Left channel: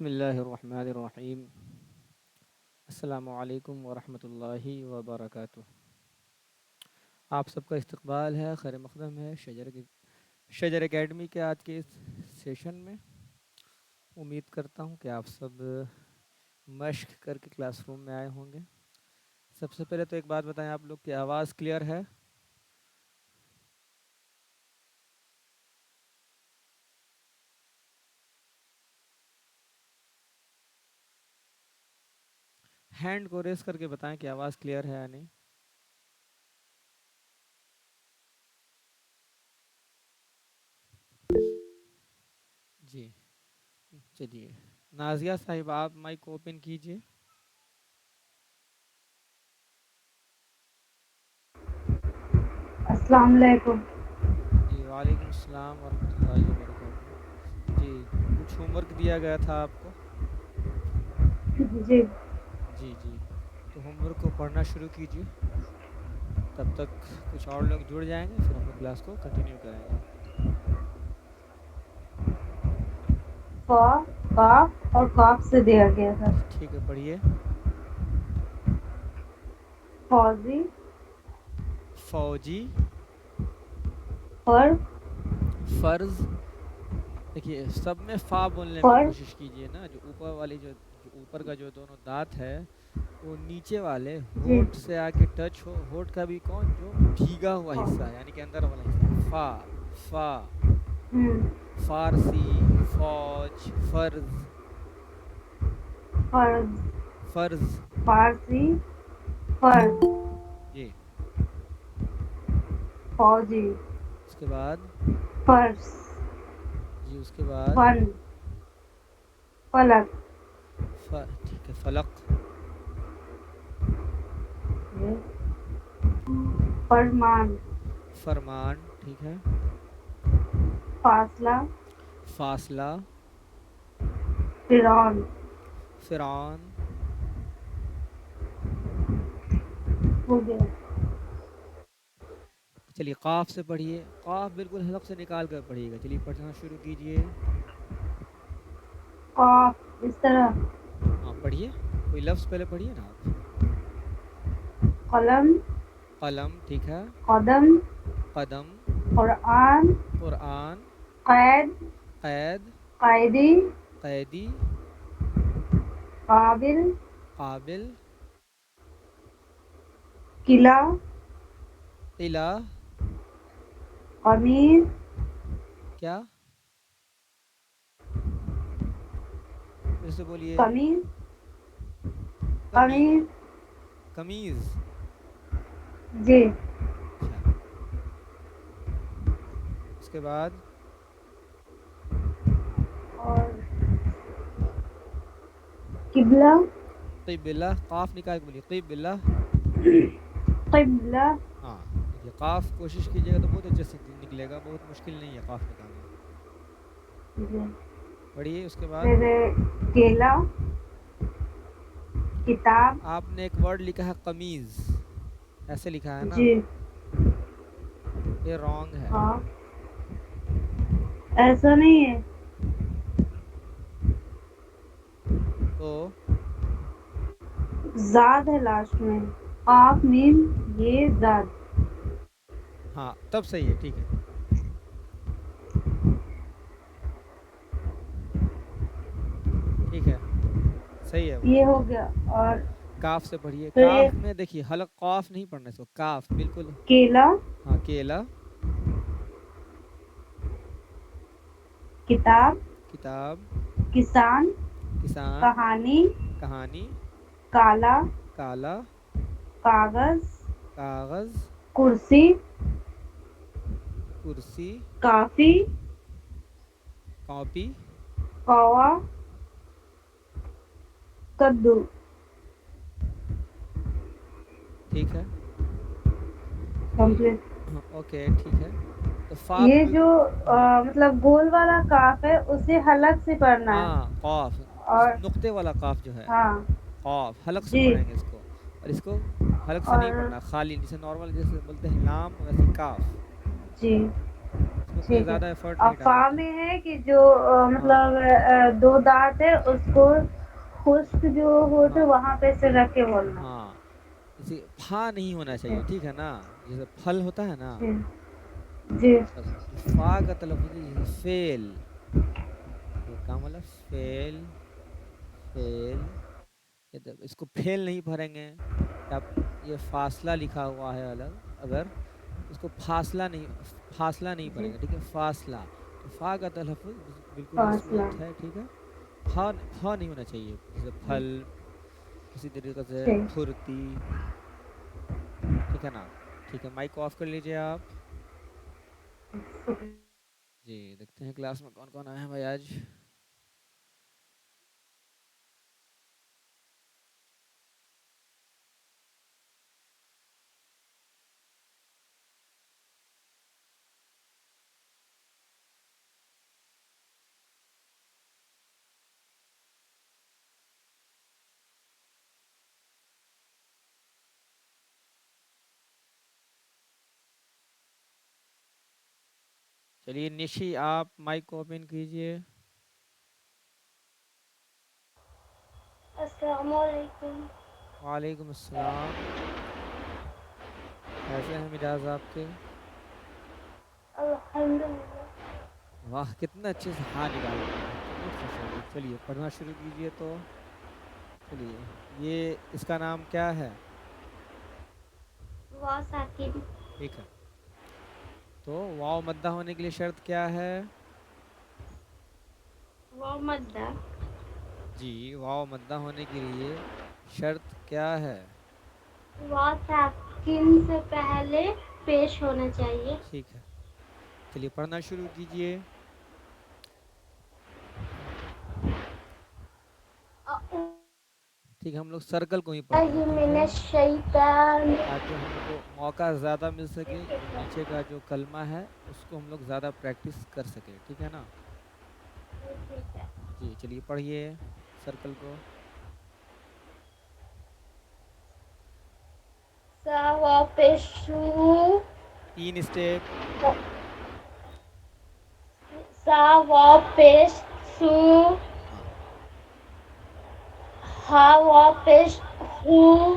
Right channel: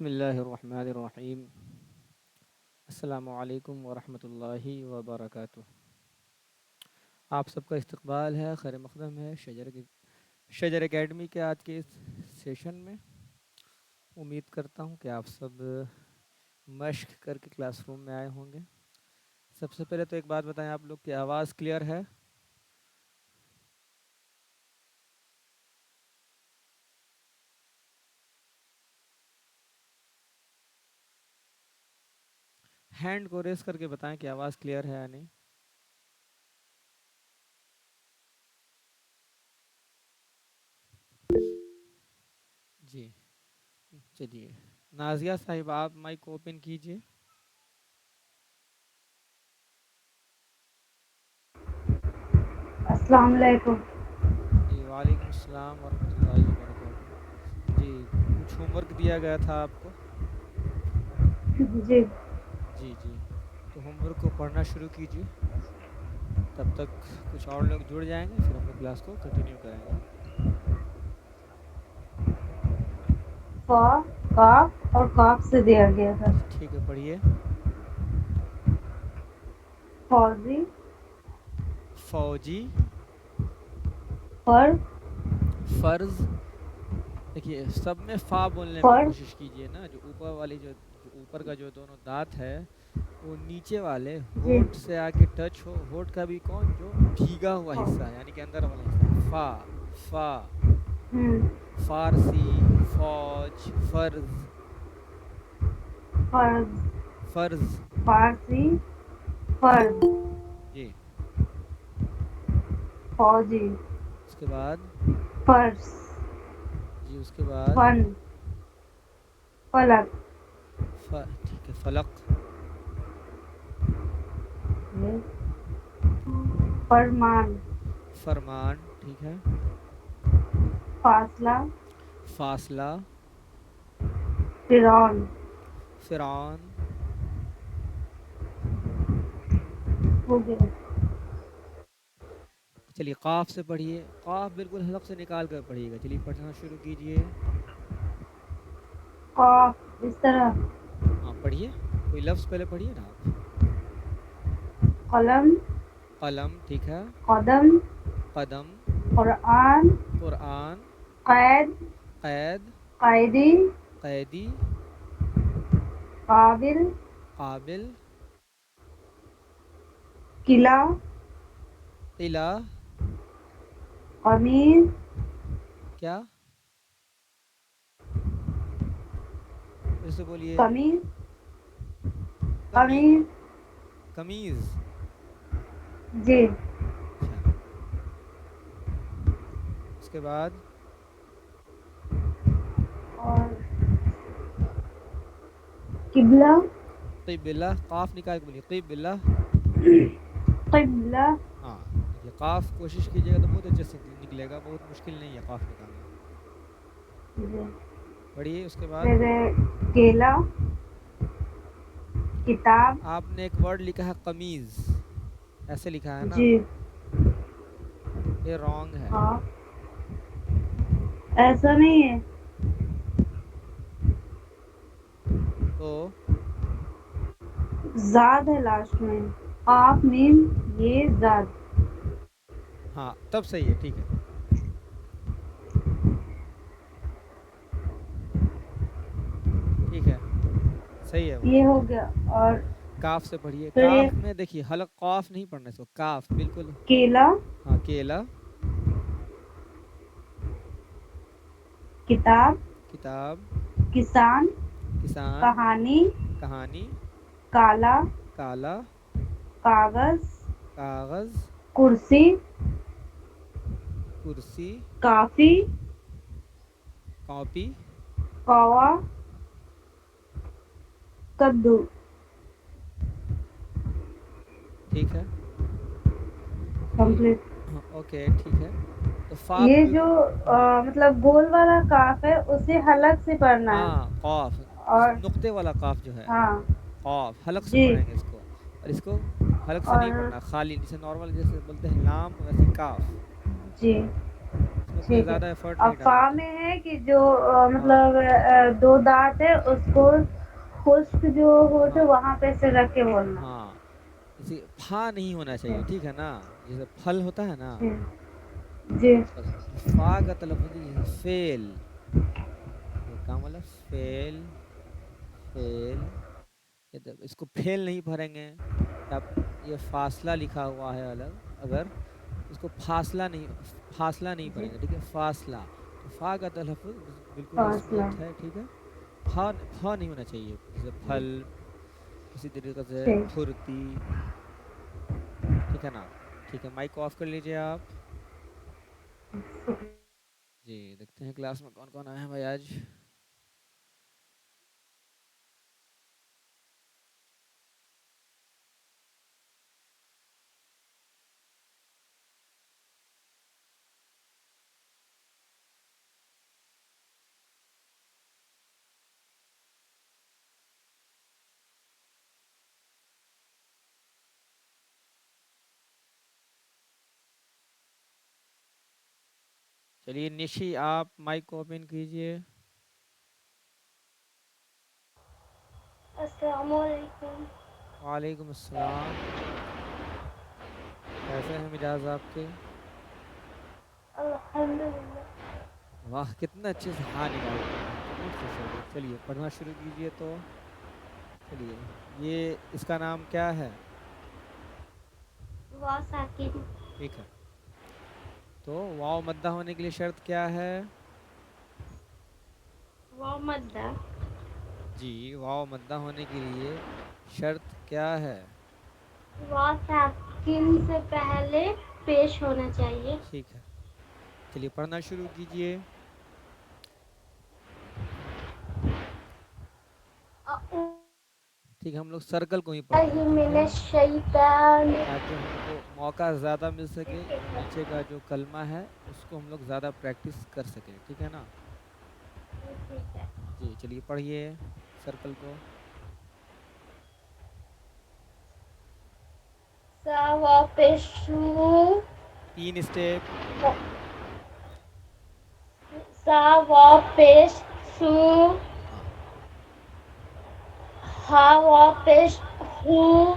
بسم اللہ الرحمن الرحیم۔ السلام علیکم ورحمۃ اللہ وبرکاتہ۔ آپ سب کا استقبال ہے، خیر مقدم ہے شجر اکیڈمی کے آج کے اس سیشن میں۔ امید کرتا ہوں کہ آپ سب مشق کر کے کلاس روم میں آئے ہوں گے۔ سب سے پہلے تو ایک بات بتائیں، آپ لوگ کی آواز کلیئر ہے؟ ہینڈ کو ریز کر کے بتائیں کہ آواز کلیئر ہے یا نہیں۔ جی چلیے، نازیہ صاحب آپ مائک اوپن کیجئے۔ السلام علیکم۔ جی وعلیکم السلام ورحمۃ اللہ وبرکاتہ۔ جی کچھ ہوم ورک دیا گیا تھا آپ کو؟ جی جی جی، تو ہوم ورک کو پڑھنا شروع کیجیے، تب تک کچھ اور لوگ جڑ جائیں گے، پھر ہم لوگ کلاس کو کنٹینیو کریں گے۔ فا، کاف اور کاف سے دیا گیا تھا۔ ٹھیک ہے، پڑھیے۔ فوزی، فوجی، فر، فرض۔ دیکھیے سب میں فا بولنے میں فر، کوشش کیجیے نا، جو اوپر والی جو اوپر کا جو دونوں دانت ہے وہ نیچے والے جی ہونٹ سے آ کے ٹچ ہو۔ ہونٹ کا بھی کون؟ جو بھیگا ہوا حصہ ہے، یعنی کہ اندر والا حصہ ہے۔ فا، فا، ہم، فارسی، فوج، فرض، فرض، فرض۔ فارسی، فرض، جی فوجی، اس کے بعد، فرض، جی اس کے بعد فن، فلک، ٹھیک ہے، فلق، فرمان، فرمان، ٹھیک ہے، فاصلہ، فاصلہ، فرعون، فرعون۔ ہو گیا۔ چلیے قاف سے پڑھیے، قاف بالکل حلق سے نکال کر پڑھیے گا۔ چلیے پڑھنا شروع کیجئے۔ قاف اس طرح، ہاں پڑھیے، کوئی لفظ پہلے پڑھیے نا آپ۔ قلم، قلم، ٹھیک ہے، قدم، قدم، قرآن، قرآن، قید، قید، قیدی، قیدی، قابل، قابل، قلعہ، قلعہ، قمیض، کیا؟ پھر سے بولیے۔ قمیض، کمی، قمیض، قمیض، جی اچھا۔ اس کے بعد اور قبلہ، قبلہ، قاف نکال کے بولیے، قبلہ۔ قبلہ، ہاں دیکھیے قاف کوشش کیجیے گا تو بہت اچھے سے نکلے گا، بہت مشکل نہیں ہے قاف نکالنا۔ جی۔ پڑھیے اس کے بعد۔ پھر کیلا، کتاب، آپ نے ایک ورڈ لکھا ہے قمیض، ایسے لکھا ہے نا، جی یہ رانگ ہے۔ ہاں ایسا نہیں ہے، تو زاد ہے لاسٹ میں، قاف میم یہ زاد۔ ہاں تب صحیح ہے، ٹھیک ہے، ٹھیک ہے، صحیح ہے وہ، یہ ہو ٹھیک ہے۔ گیا۔ اور کاف سے پڑھیے، پھر یہ کاف میں دیکھیے حلق قاف نہیں پڑھنا اس کو، کاف بالکل۔ کیلا، ہاں کیلا، کتاب، کتاب، کسان، کسان، کہانی، کہانی، کالا، کالا، کاغذ، کاغذ، کرسی، کرسی، کافی، کاپی، کوا، کدو۔ ٹھیک ہے، چلیے، کمپلیٹ۔ ہاں اوکے ٹھیک ہے، تو فا یہ پہ، جو ہاں مطلب گول والا کاف ہے اسے حلق سے پڑھنا ہے۔ ہاں قاف، اور نقطے والا قاف جو ہے، ہاں قاف حلق سے جی پڑھیں گے اس کو، اور اس کو حلق سے نہیں اور پڑھنا، خالی جیسے نارمل جیسے بولتے ہیں لام، ویسے کاف۔ جی اس میں کوئی ٹھیک ہے. زیادہ ایفرٹ اور نہیں فا ڈالنا ہوتا. میں ہے کہ جو ہاں مطلب دو دانت ہے اس کو خشک جو ہوتے ہاں وہاں پہ سے رکھ کے بولنا. ہاں اسی پھا نہیں ہونا چاہیے، ٹھیک. ٹھیک ہے نا. جیسے پھل ہوتا ہے نا، جی جی بس جو فا کا تلفظ ہے جیسے فیل، یہ کام والا فیل، فیل، اس کو پھیل نہیں بھریں گے. آپ یہ فاصلہ لکھا ہوا ہے الگ، اگر اس کو فاصلہ نہیں جی پڑیں گے، ٹھیک ہے. فاصلہ، تو فا کا تلفظ بالکل فاصلہ. اسموتھ ہے، ٹھیک ہے. پھا نہیں ہونا چاہیے، جیسے پھل، اسی طریقے سے ٹھیک. پھرتی، ٹھیک ہے نا. ٹھیک ہے، مائک کو آف کر لیجئے آپ. جی دیکھتے ہیں کلاس میں کون کون آئے ہیں بھائی آج. چلیے نشی، آپ مائک کو اوپن کیجئے. السلام علیکم. وعلیکم السلام. کیسے ہیں مزاج آپ کے؟ الحمدللہ. واہ کتنا اچھے سے ہاں نکال پائے ہیں، تو بہت خوش ہو گئی. چلیے پڑھنا شروع کیجئے. تو چلیے، یہ اس کا نام کیا ہے؟ واو ساکن. ٹھیک ہے. تو واو مدہ ہونے کے لیے شرط کیا ہے؟ واو مدہ. جی، واو مدہ ہونے کے لیے شرط کیا ہے؟ واو ساکن سے پہلے پیش ہونا چاہیے. ٹھیک ہے، چلیے پڑھنا شروع کیجئے. ٹھیک ہے، ہم لوگ سرکل کو ہی پڑھتے ہیں، اعوذ ٹھیک من ہے، الشیطان. تاکہ ہم لوگ کو موقع زیادہ مل سکے، جو نیچے کا جو کلمہ ہے اس کو ہم لوگ زیادہ پریکٹس کر سکیں، ٹھیک ہے نا. ٹھیک ہے. جی چلیے پڑھیے سرکل کو. سا واو پیش سو. 3 اسٹیپ. سا واو پیش سو. ہاں ہا واو پیش ہو.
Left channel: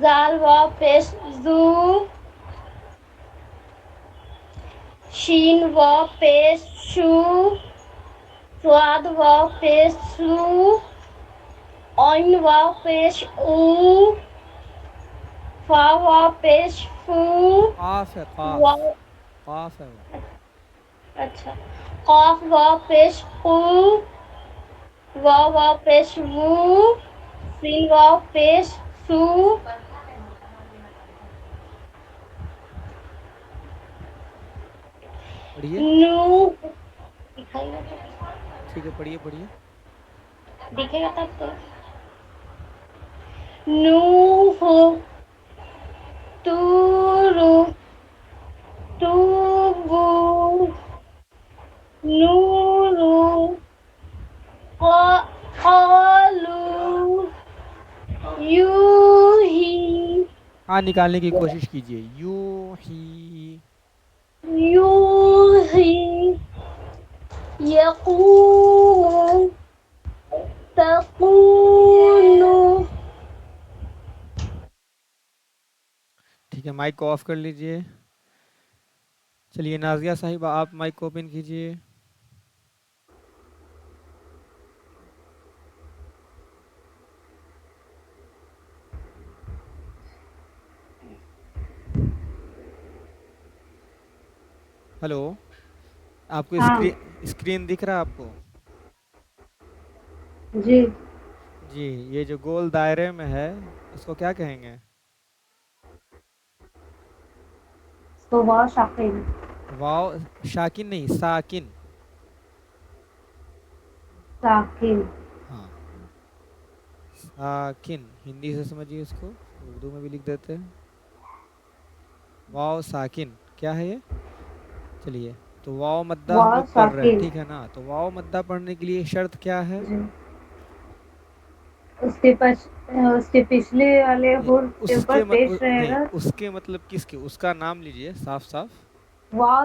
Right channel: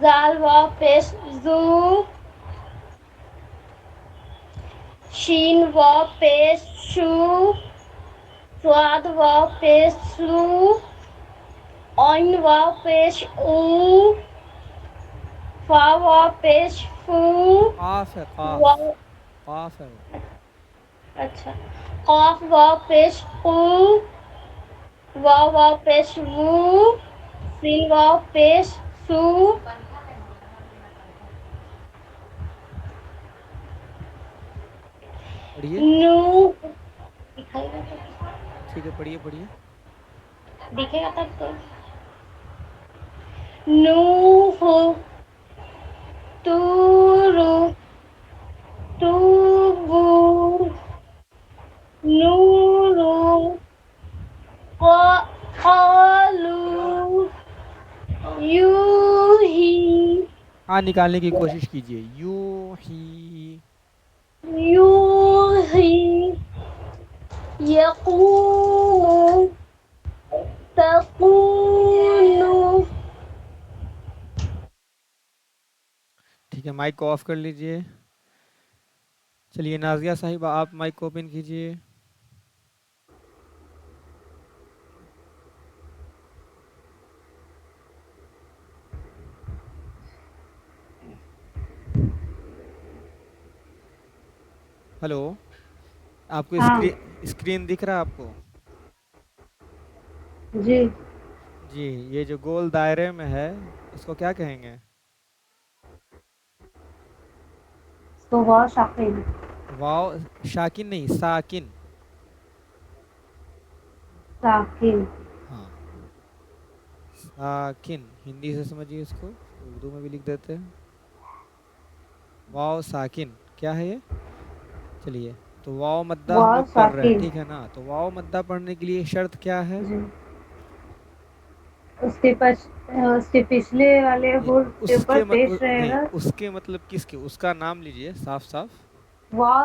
زال واو پیش زو. شین واو پیش شو. صاد واو پیش سو. عین واو پیش او. فا واو پیش فو. قاف ہے، قاف، واو. قاف ہے وہ. اچھا. قاف واو پیش قو. واو واو پیش وو. سین واو پیش سو. پڑھیے. نو. ٹھیک ہے، پڑھیے پڑھیے. دکھے گا تب تو. نوح. طور. توبو. نور. قالوا. یوہی. ہاں نکالنے کی کوشش کیجئے. یو ہی. یوہی. یقوم. تقول. ٹھیک ہے، مائک کو آف کر لیجئے. چلیے نازیہ صاحبہ، آپ مائک کو اوپن کیجئے. ہلو، آپ کو ہاں اسکرین دکھ رہا ہے آپ کو؟ جی. جی، یہ جو گول دائرے میں ہے اس کو کیا کہیں گے؟ تو واو شاکن. واو شاکن نہیں، ساکن. ساکن. ہاں ساکن، ہندی سے سمجھیے اس کو، اردو میں بھی لکھ دیتے ہیں. واو ساکن کیا ہے یہ؟ چلیے، تو واو مدہ ہم واو لوگ پڑھ رہے ہیں، ساکن. ٹھیک ہے نا. تو واو مدہ پڑھنے کے لیے شرط کیا ہے؟ جی. اس کے پچھلے والے نہیں حرف کے اوپر پیش رہے نہیں، گا. اس کے مطلب کس کے، اس کا نام لیجئے صاف صاف. واو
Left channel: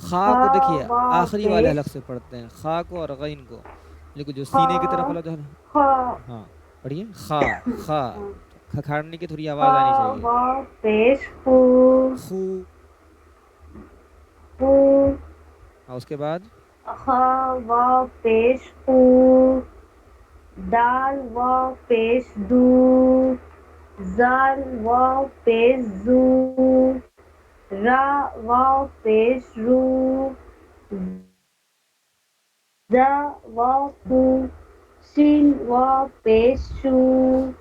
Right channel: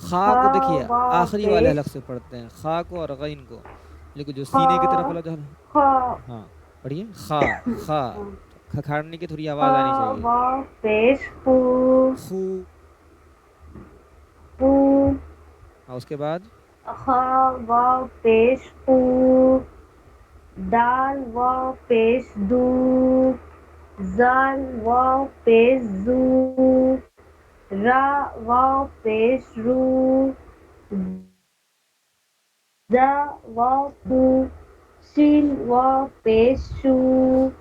خا خا کو دیکھیے واو آخری والے پیش حلق سے پڑھتے ہیں، خا کو اور غین کو، لیکن جو خا سینے کی طرف والا جو ہے خا ہاں پڑھیے خا، خا تو کھکھاڑنے کی تھوڑی خا آواز آنی چاہیے، واو پیش خو خو، خو اور اس کے بعد خا واو پیش خو دال واو پیش دو زال واو پیش زو را واو پیش رو ز واو کو شین واو پیش شو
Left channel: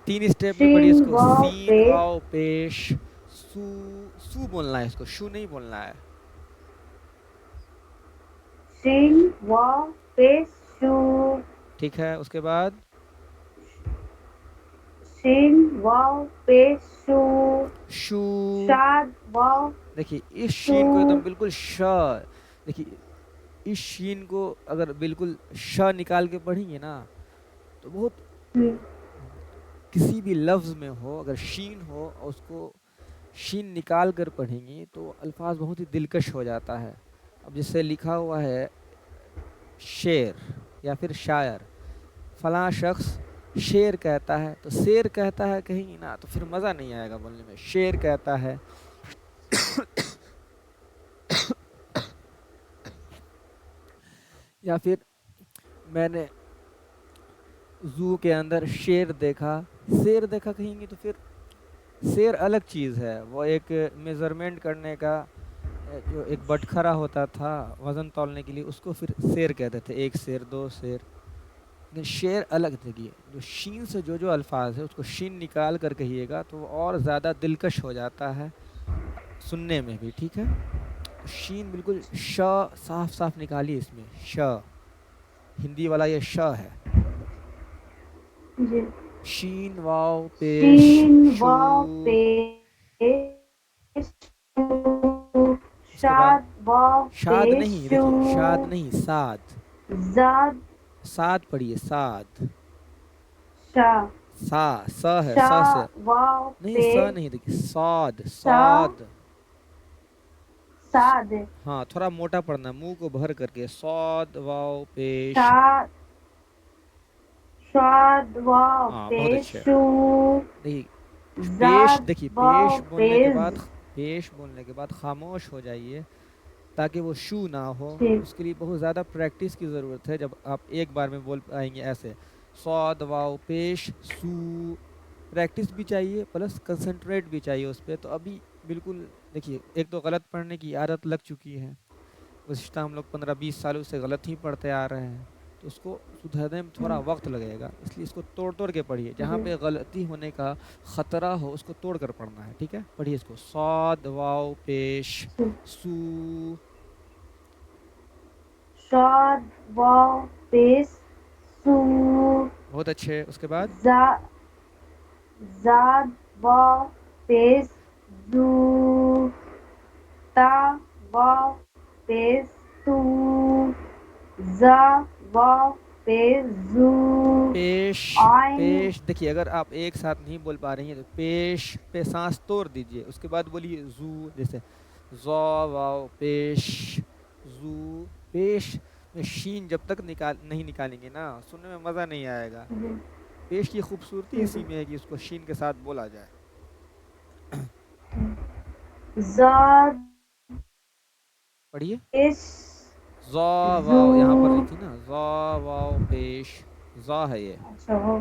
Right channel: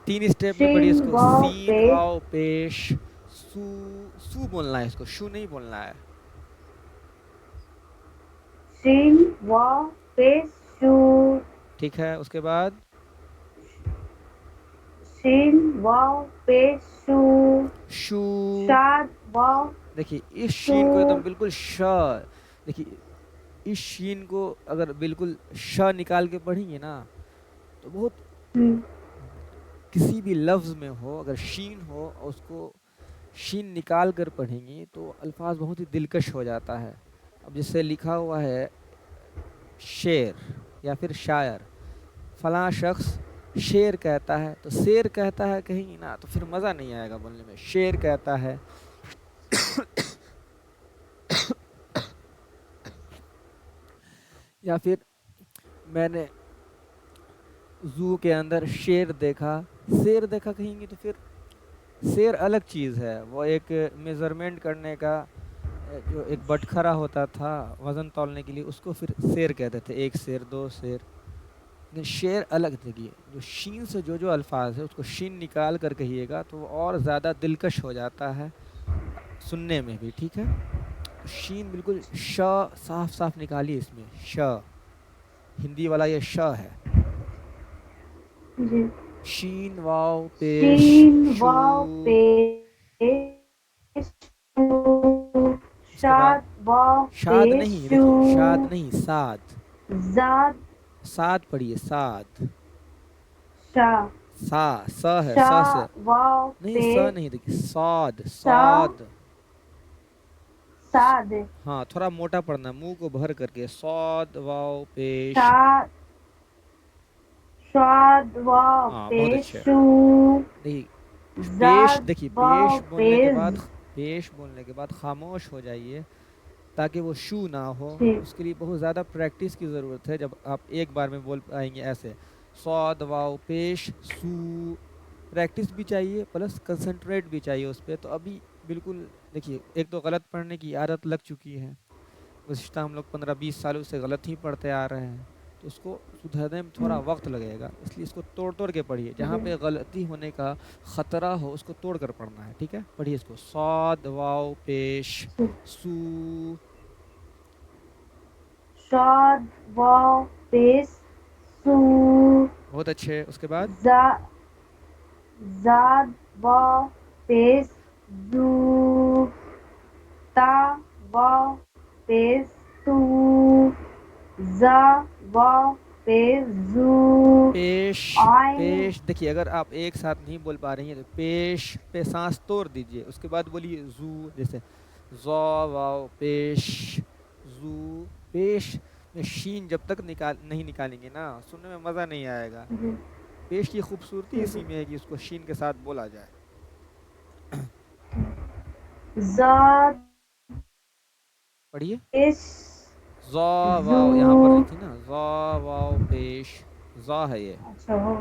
3 اسٹیپ میں پڑھیے شین اس کو، واو سین پیش واو پیش سو، سو بولنا ہے اس کو، شو نہیں بولنا ہے، شین واو پیش شو ٹھیک ہے، اس کے بعد شین واو پیش شو شو، شاد واو دیکھیے اس شو شین کو ایک دم بالکل ش، دیکھیے اس شین کو اگر بالکل ش نکال کے پڑھیں گے نا تو بہت کسی بھی لفظ میں ہو اگر شین ہو اور اس کو شین نکال کر پڑھیں گے تو الفاظ بہت ہی دلکش ہو جاتا ہے. اب جس سے لکھا ہوا ہے شعر یا پھر شاعر، فلاں شخص شعر کہتا ہے، تو شعر کہتا ہے کہیں گے نا تو پھر مزہ نہیں آئے گا بولنے میں. شعر کہتا ہے یا پھر میں نے زو کے اندر شیر دیکھا، شیر دیکھا کہیں گے تو پھر شیر الگ چیز ہے، وہ ایک میزرمنٹ کرنے کا جو ایک بٹکھرا ہوتا تھا وزن تولنے کے لیے، اس کو پھر شیر کہتے تھے، ایک شیر دو شیر. لیکن شعر الگ دیکھیے، جو شین سے جو الفاظ ہے اس کو شین نکال کر کہیے گا تو وہ اور زیادہ دلکش ہو جاتا ہے سننے میں بھی. ٹھیک ہے، تو شین بالکل ش صاف صاف نکالیے، اس میں ش ہندی والا یہ ش ہے. جی شین واو پیش شین شو، واو پیش شو اس کے بعد شاد واو شاد پیش نہیں، شو دیکھیے شاد نہیں، ساد، زاد ساد پڑھیے، ساد، شا سا سا ہے، شا سا سے واو نہیں، سا پیش نہیں، دیکھیے ساد، شا ساد، ساد ہاں تھوڑا موٹا پڑھنا ہے منہ کو بھر کر کے، ساد واو پیش، شاد شاد واو ہاں بہت پیش اچھا. شو دیکھیے پیش، زاد دیکھیے واو پیز پیش بولنے کے بعد خاموش ہو جائیے تاکہ وہ شو نہ ہو. ٹھیک اس کے لیے بہت زیادہ پریکٹس کی ضرورت ہے. جب آپ ایک بار میں بول پائیں گے ایسے صاد واو پیش سو، پریکٹس بھی چاہیے پلس کنسنٹریٹ بھی چاہیے اس پہ. تو ابھی بالکل دیکھیے ایک تو غلط پڑھنے کی عادت لگ چکی ہے، گزشتہ ہم لوگ 15-20 سالوں سے غلط ہی پڑھتے آ رہے ہیں، تو اس کو سدھرنے میں تھوڑا وقت لگے گا. اس لیے اس کو توڑ توڑ کے پڑھیے، جہاں جی پہ غلطی ہونے کا خطرہ ہو اس کو توڑ کر پڑھنا ہے. ٹھیک ہے، پڑھیے اس کو، صاد واو پیش سو، شاد واو پیش سو بہت اچھے. اس کے بعد زاد واو پیش زو تا واو پیش تو زا واو پیش زو پیش، آئین پیش دیکھیے اگر آپ ایک ساتھ نہیں بول پا رہی ہیں تو پیش پہ سانس توڑ دیجئے، اس کے بعد بولیے زو، جیسے زا واو پیش زو. پیش میں شین جب تک نہیں نکالیں گے نا سننے میں مزہ نہیں آئے گا. پیش کی خوبصورتی اسی میں ہے کہ اس کو شین کے ساتھ بولا جائے. زاد پڑھیے، پیش زا زو واو یہاں پر نہیں تھی نا، زا واو پیش زا ہے یہ. اچھا وہ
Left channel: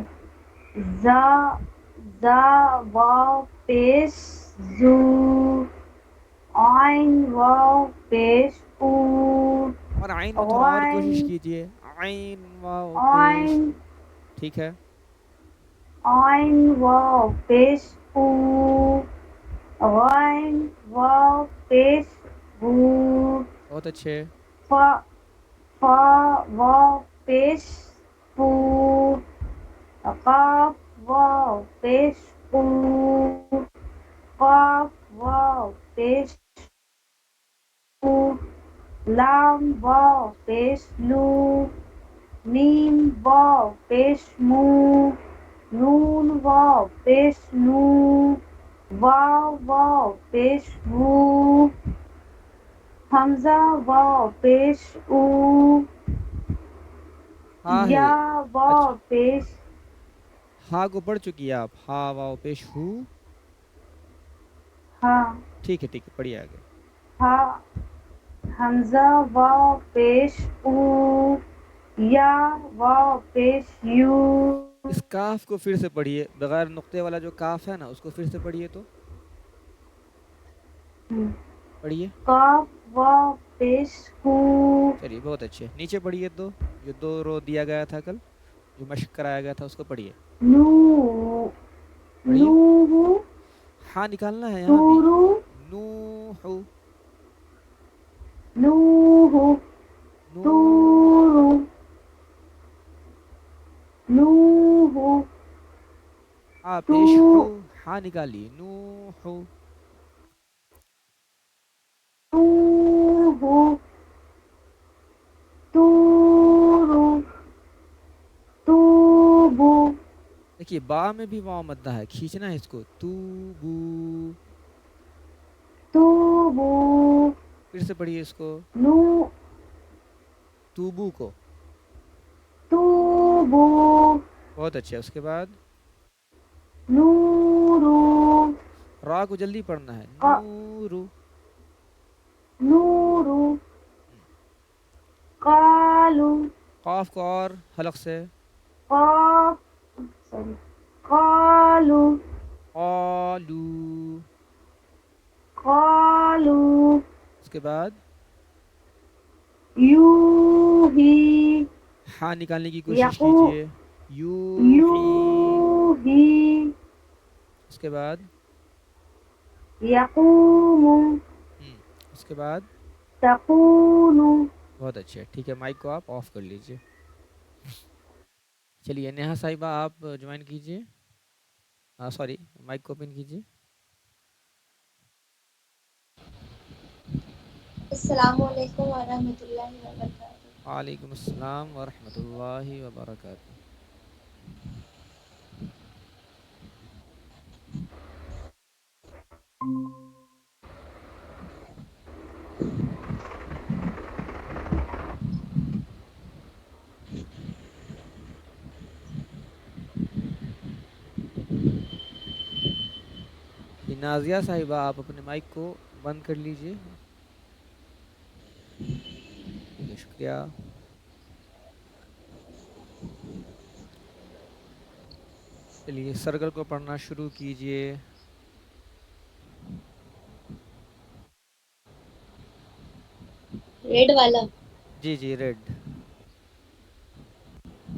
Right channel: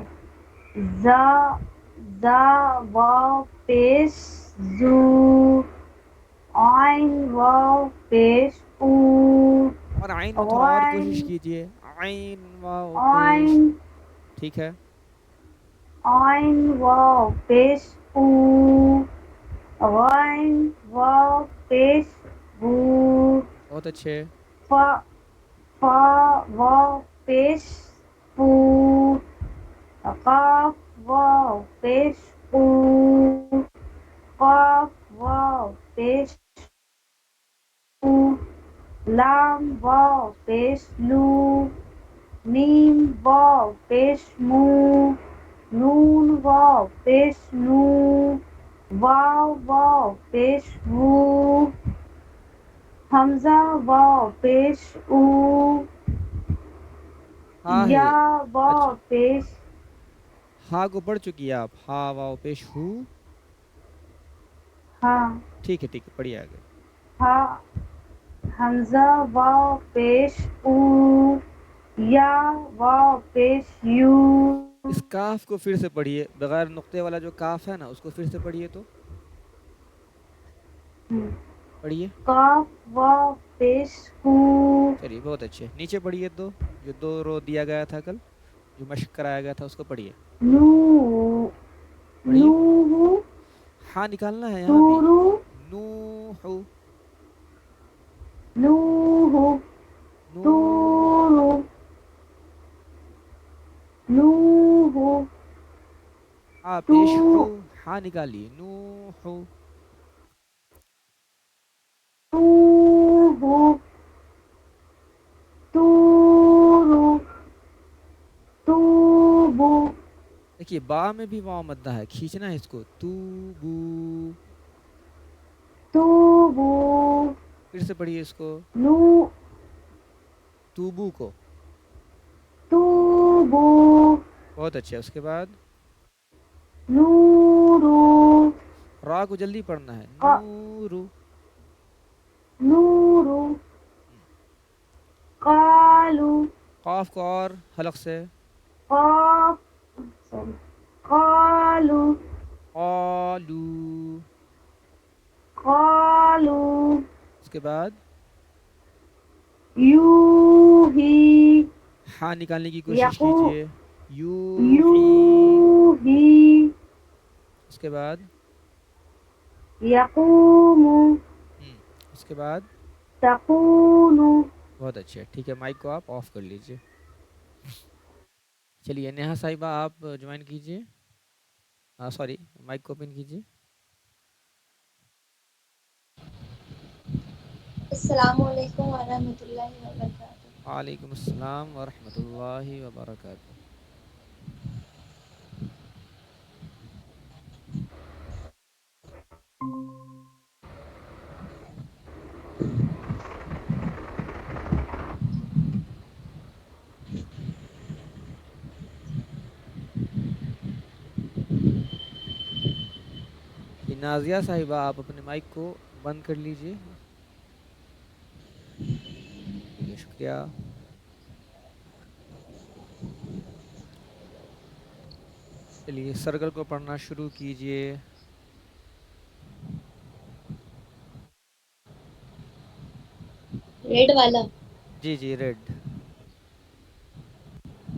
زا واو پیش زو آئین واو پیش او اور عین میں تھوڑا اور کوشش غین کیجئے، عین واو پیش، آئین ٹھیک ہے. آئین واو پیش او غین واو پیش بو بہت اچھے. فا واو پیش فو قاف واو پیش قو قاف واو پیش قو لام واو پیش لو میم واو پیش مو نون واو پیش نو واو واو پیش وو حمزہ واو پیش او، ہا ہے. یا اچھا واو پیش ہا کو پڑھ چکی ہیں آپ. ہا واو پیش ہو. ہاں، ٹھیک ہے پڑھیے آگے. ہا حمزہ واو پیش او، یا واو پیش یو. اس کاف کو پھر سے پڑھیے بغیر نقطے والا جو کاف ہے نا اس کو پھر سے پڑھیے تو پڑھیے. قاف واو پیش کو، چلیے بہت اچھے. نیچے پڑھیے دو جو دو رو دیا گیا تھا کل جو مشق کرایا گیا تھا اس کو پڑھیے. نو پڑھیے. نو ہاں نکالنا ہے یہاں بھی. نورو نوح نوح نو. نورو نوح ہا تو پیش ہو. ہاں نکالیے. نوح. نوح تورو توبو دیکھیے با میں بھی واو مدہ ہے کھینچنا ہے اس کو. تو بو. توبو پھر سے پڑھیے اس کو. نو توبو کو. توبو بہت اچھا. اس کے بعد نورو را کو جلدی پڑھنا ہے. نورو. نورو قالو قاف کو اور حلق سے. قاف سوری قالو قالو. قالو اس کے بعد یوہی ہاں نکالنے کی کوشش یقو کیجئے. یوحی. یوہی اس کے بعد یقومو اس کے بعد تقولو. بہت اچھا. ٹھیک ہے مائک کو آپ آف کر لیجئے. چلیے نیہا صاحبہ آپ جوائن کیجئے. سوری مائک کو اوپن کیجئے. السلام علیکم ورحمۃ اللہ وبرکاتہ. وعلیکم السلام ورحمۃ اللہ وبرکاتہ. نازیہ صاحبہ آپ اپنے مائک کو بند کر لیجئے. ٹھیک ہے شکریہ. چلیے سرکل کو پڑھنا شروع کیجئے. ریڈ والا. جی ریڈ.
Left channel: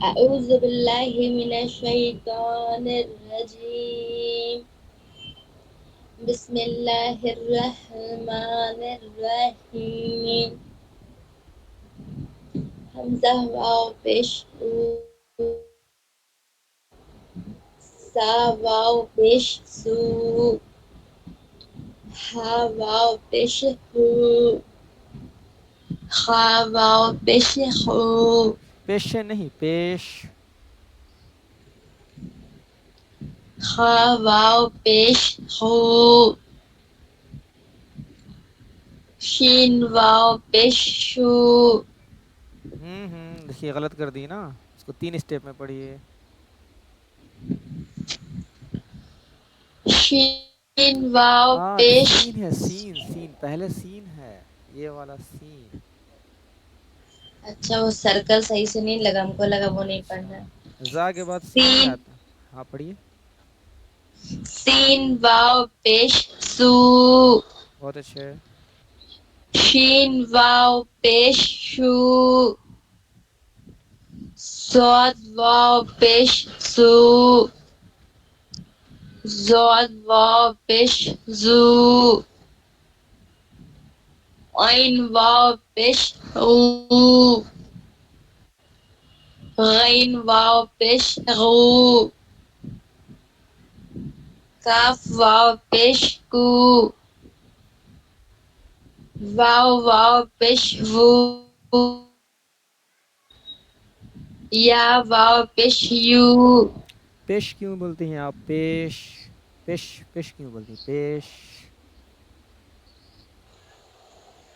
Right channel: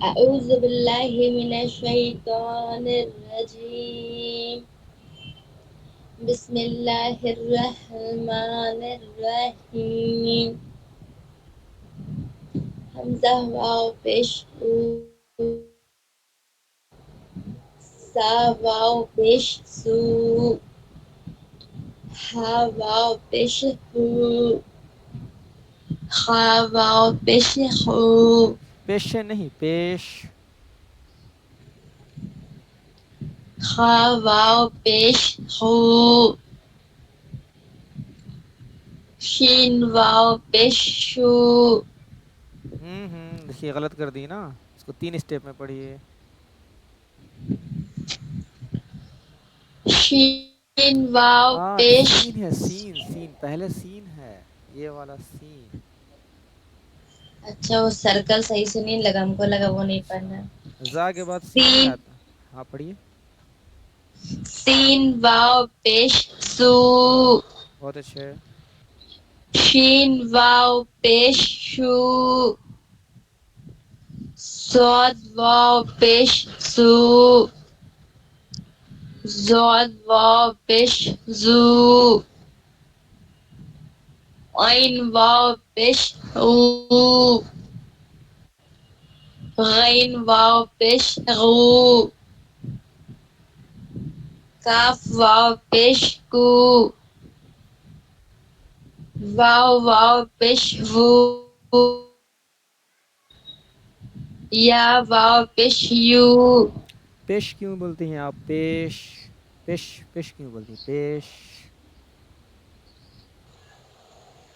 اعوذ باللہ من الشیطان الرجیم. بسم اللہ الرحمن الرحیم. حمزہ واو پیش او، سا واو پیش سو، ہا واو پیش ہو، خا واو پیش خو، پیش نہیں پیش. خا واو پیش خو، شین واو پیش شو. دیکھیے غلط کر دی نا. اس کو 3 اسٹیپ میں پڑھیے. شین واو پیش سین ہے. سین پہلے سین ہے. یہ والا سین. اچھا وہ سرکل صحیح سے نہیں لگا، ہم کو لگا وہ نہیں پڑھنا. اچھا زا کے بعد سین نہیں سین آتا. ہاں پڑھیے. سین واو پیش سو، بہت اچھے. شین واو پیش شو، صاد واو پیش سو، ضاد واو پیش زو، عین واو پیش عو، غین واو پیش غو، کاف واو پیش کو، واو پیش وو، یا واو پیش یو. پیش کیوں بولتی ہیں آپ؟ پیش پیش پیش کیوں بولتی ہیں؟ پیش.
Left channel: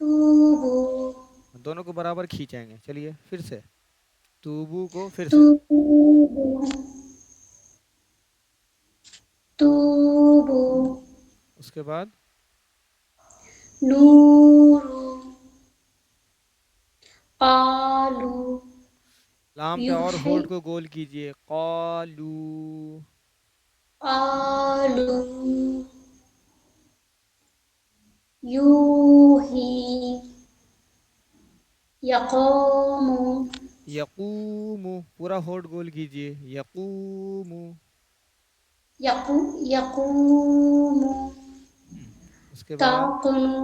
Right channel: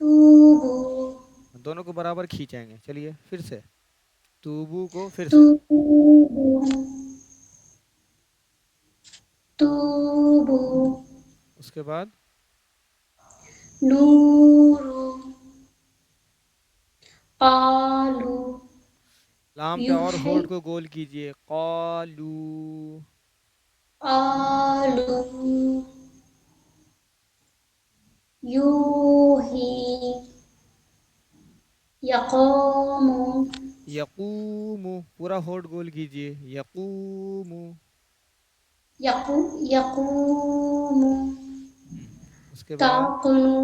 توبو دونوں کو برابر کھینچیں گے. چلیے پھر سے توبو کو پھر سے. توبو توبو اس کے بعد نورو قالو لام پہ اور یوحی ہولڈ کو گول کیجئے. قالو. قالو یوحی یقومو یقوم. پورا ہولڈ گول کیجئے. یقوم. یقومو اس کے بعد تاقنو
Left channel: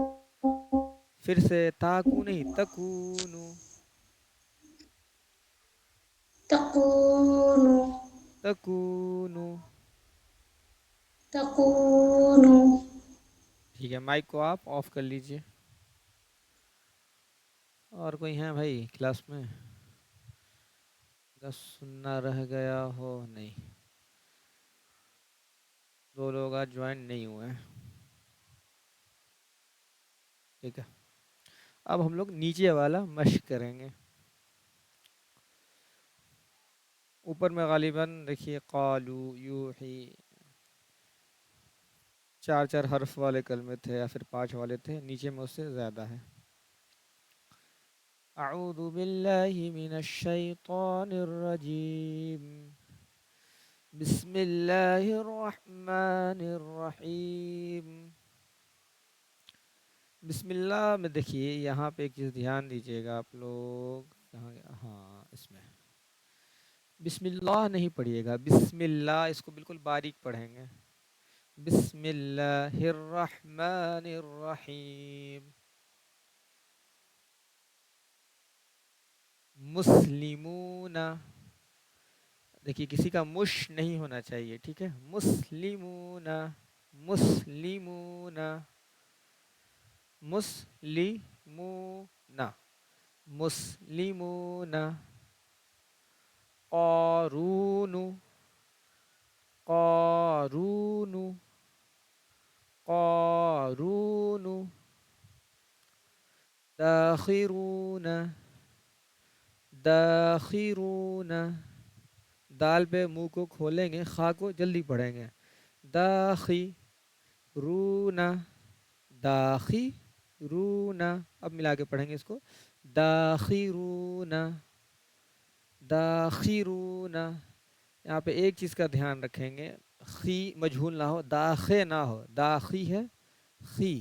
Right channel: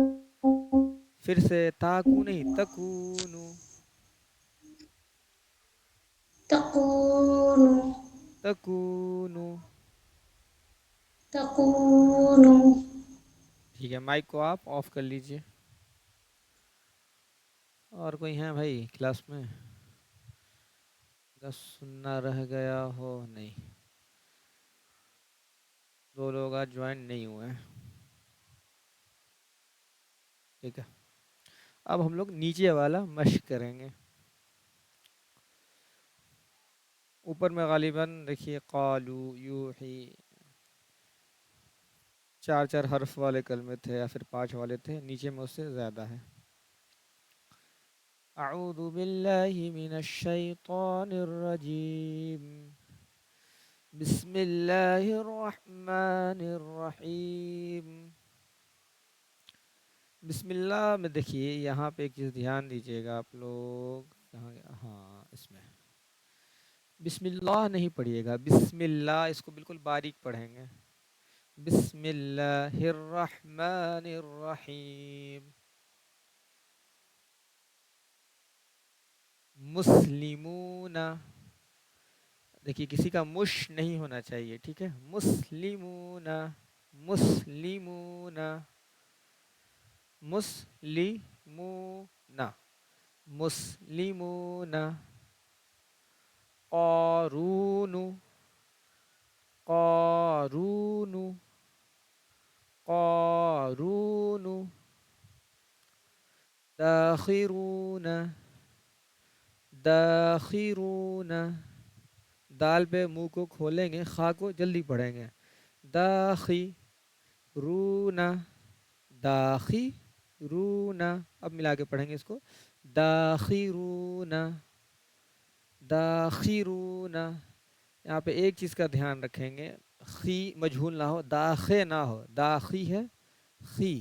پھر سے تاکو نہیں تکونو. تقونو تکونو. تقونو ٹھیک ہے مائک کو آپ آف کر لیجئے. اور کوئی ہیں بھائی کلاس میں؟ بس سننا رہ گیا ہو. نہیں، 2 لوگ آج جوائن نہیں ہوئے ہیں. ٹھیک ہے، اب ہم لوگ نیچے والا مشق کریں گے. اوپر میں غالباً دیکھیے قالو یوحی 4 حرف والے کلمے تھے یا پھر 5 والے تھے. نیچے میں اس سے زیادہ ہے. اعوذ باللہ من الشیطان الرجیم. بسم اللہ الرحمن الرحیم. بسم اللہ میں دیکھیے یہاں پہ ایک چیز دھیان دیجیے گا آپ لوگ. کہاں گیا؟ ہاں اس میں بسم اللہ نہیں پڑھیے گا. بسم اللہ اس کو بالکل باریک پڑھیں گے. بسم اللہ الرحمن الرحیم. مسلمون. دیکھیے کسی کا مش نہیں ہونا چاہیے. ٹھیک ہے، مسلمون. مسلمون. مسلمون. مسلمون. قارون. قارون. قارون. داخرون. داخرون. دال پہ منہ کو کھولیں گے، خا کو جلدی پڑھیں گے. داخرون. داخرون. اب ملا کے پڑھیں گے اس کو. داخرون. داخرون. یہاں پہ ایک چیز کا دھیان رکھیں گے، خی مجہول نہ ہو، داخے نہ ہو. داخی ہے خی،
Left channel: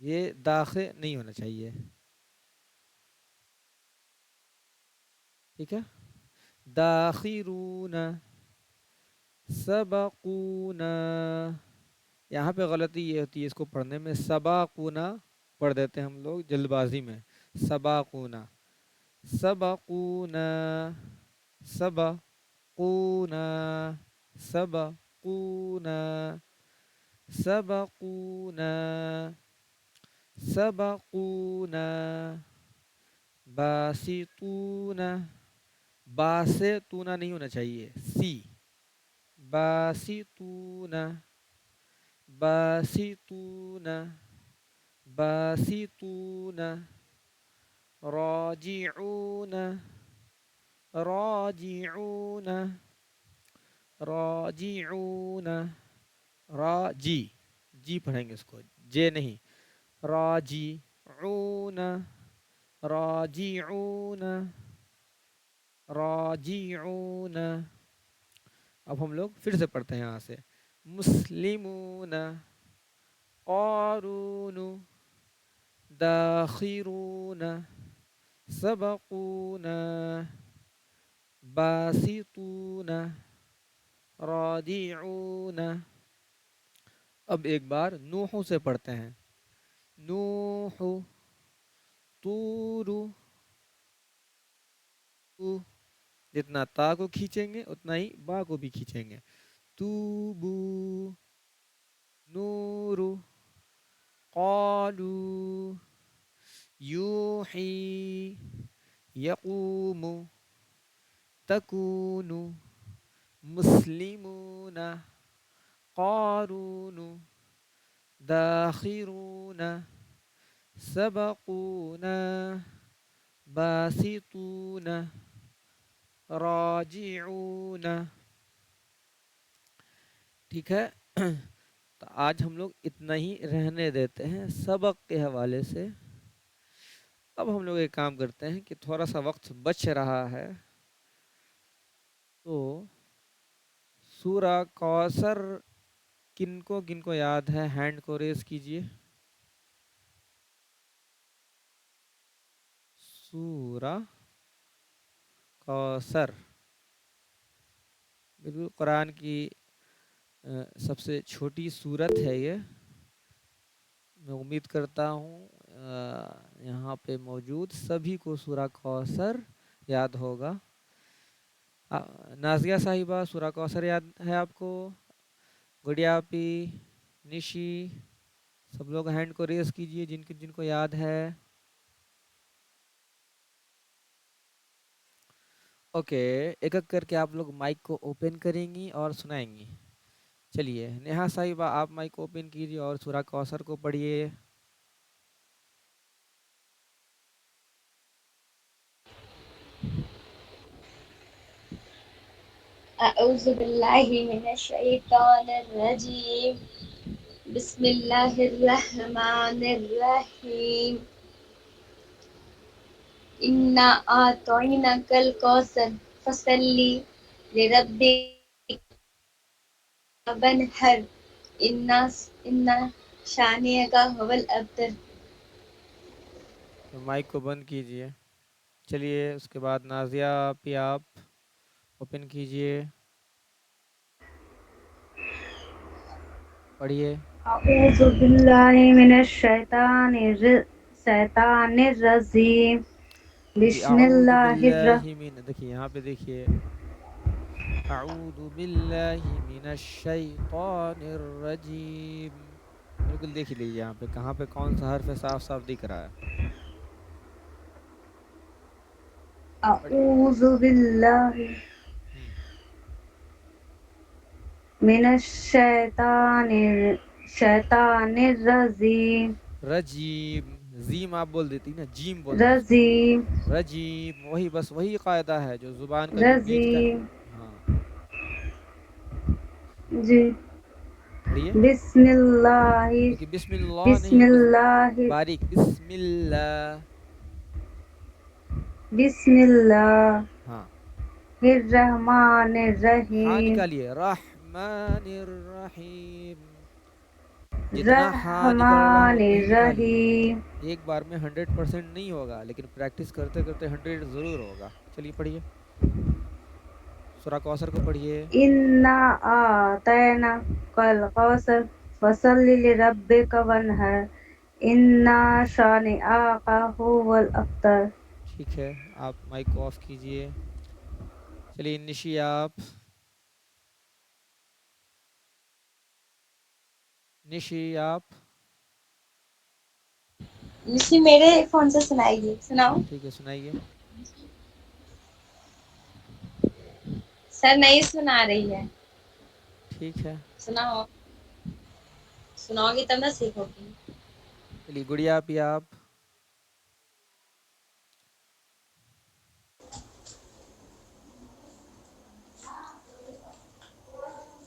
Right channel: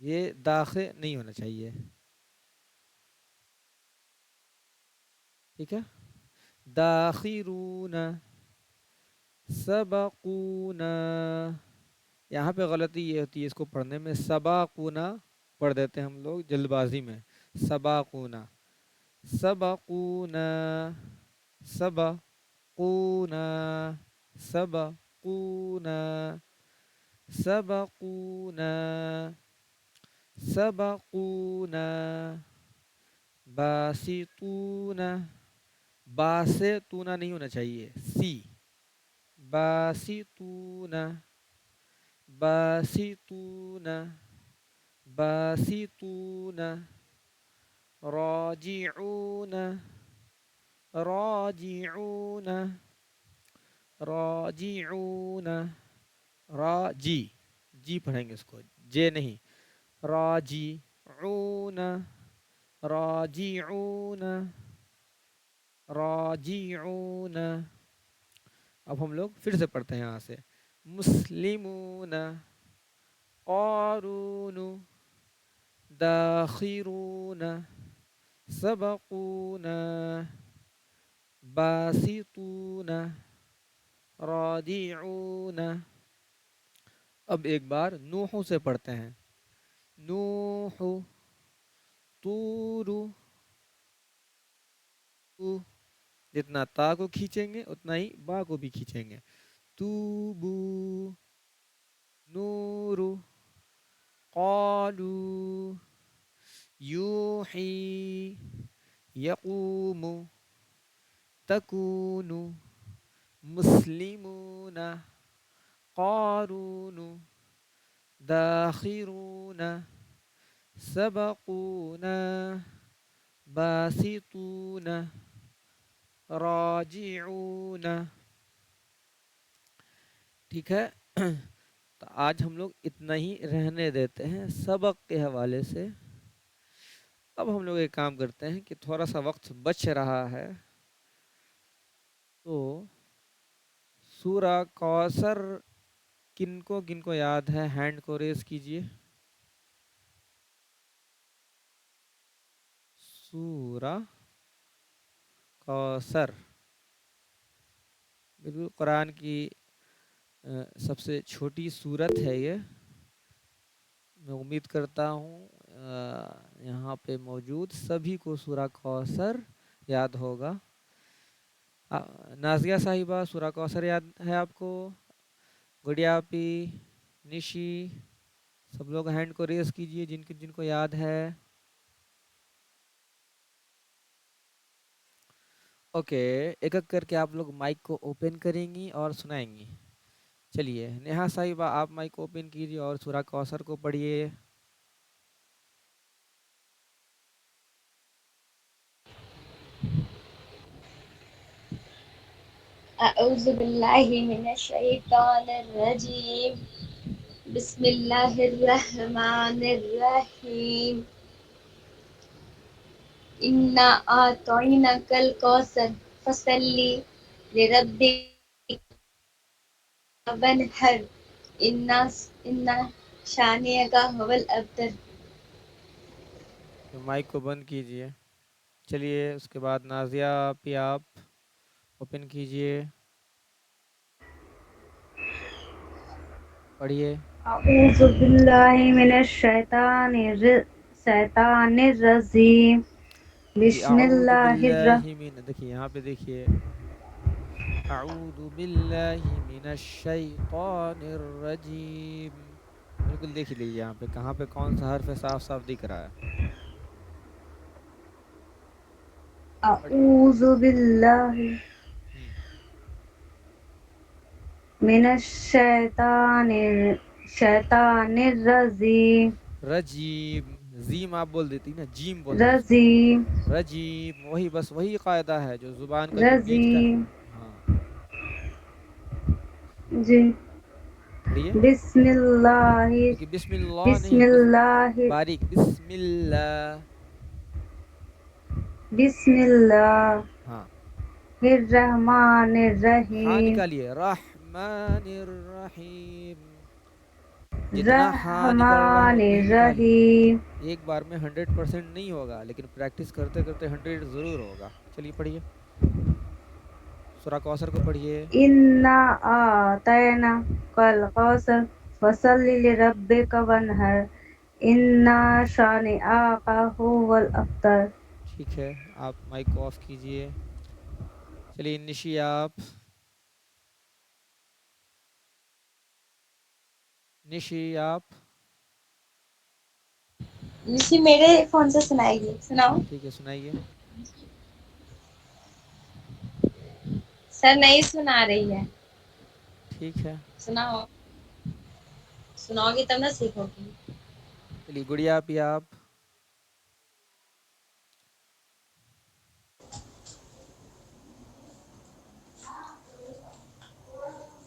یہ داخے نہیں ہونا چاہیے. ٹھیک ہے، داخرون. سبقونا. یہاں پہ غلطی یہ ہوتی ہے اس کو پڑھنے میں، سباقونا پڑھ دیتے ہیں ہم لوگ جلد بازی میں. سباقونا. سبقونا. سبقونا. سبقونا. سبقونا. سبقونا. باسطون. با سے تونا نہیں ہونا چاہیے، سی. باسطون. باسطون. باسطون. راجعون. راجعون. راجعون. راجی، جی پڑھیں گے اس کو، جے نہیں. راجعون. راجعون. راجعون. اب ہم لوگ پھر سے پڑھتے ہیں یہاں سے. مسلمون. قارون. داخرون. سبقون. باسطون. رادعون. اب ایک بار نوح سے پڑھتے ہیں. نوح. طور. جتنا تا کو کھینچیں گے اتنا ہی با کو بھی کھینچیں گے. توبو. نور. قالو. یوحی. یقوم. تکون. مسلمون. قارون. داخرون سبقونا باسطون راجعون. ٹھیک ہے. تو آج ہم لوگ اتنا ہی رہنے دیتے ہیں سبق کے حوالے سے. اب ہم لوگ ایک کام کرتے ہیں کہ تھوڑا سا وقت بچ رہا ہے تو سورہ کوثر کن کو یاد ہے ہینڈ کو ریز کیجئے. سورہ کوثر بالکل قرآن کی سب سے چھوٹی سورت ہے یہ. میں امید کرتا ہوں یہاں پہ موجود سبھی کو سورہ کوثر یاد ہوگا. نازیہ صاحبہ سورہ کوثر یاد ہے آپ کو؟ گڑیا پی، نشی، سب لوگ ہینڈ کو ریز کیجئے جن کو یاد ہے. اوکے، ایک ایک کر کے آپ لوگ مائک کو اوپن کریں گی اور سنائیں گی. چلیے نیہا صاحبہ آپ مائک کو اوپن کیجئے اور سورہ کوثر کو پڑھیے. اعوذ باللہ من الشیطان الرجیم بسم اللہ الرحمن الرحیم انا اعطیناک الکوثر فصلی لربک وانحر ان شانئک هو الابتر. مائک کو بند کیجئے. چلیے اس کے بعد نازیہ پہ آپ اوپن کیجئے، پڑھیے. اعوذ باللہ من الشیطان الرجیم جی بسم اعوذ اللہ باللہ من، دیکھیے یہاں پہ دیکھیے اعوذ باللہ من الشیطان الرجیم. بالکل دیکھ لیجیے یہاں پہ کہاں پہ کون سا حرف صاف صاف دکھ رہا ہے. اعوذ باللہ ہم، من الشیطان الرجیم رجیم. زیم آپ بول دیتی نا، جیم بولنا ہے اس کو. رجیم رجیم، وہی بس وہی قاعدہ ہے جو زبان کا جو بیچ کا. رجیم ہاں جی. پڑھیے. بسم اللہ دیکھیے بسم اللہ بسم نہیں، اللہ باریک بسم اللہ. بسم اللہ ہاں الرحمن ہاں الرحیم نکالیے، رحمن الرحیم. جتنا ہاں نکل رہا ہے رحمن اتنا ہی نکالیے. الرحیم ایک بار میں 100% نہیں ہوگا لیکن پریکٹس کرتے کرتے 100 ضرور ہوگا. چلیے پڑھیے سورہ کوثر کو پڑھیے. انا اعطیناک الکوثر فصلی لربک وانحر ان شانئک هو الابتر. ٹھیک ہے آپ مائک کو آف کیجئے. چلیے نشی آپ، نشی آپ. اسی میرے فون سے سنائیے، سناؤ. ٹھیک ہے سنائیے. سر نہیں سنا رہی ہے. ٹھیک ہے سناؤ، سناؤ گی تب نہ سیکھو گی. چلیے گڑیا پی آپ.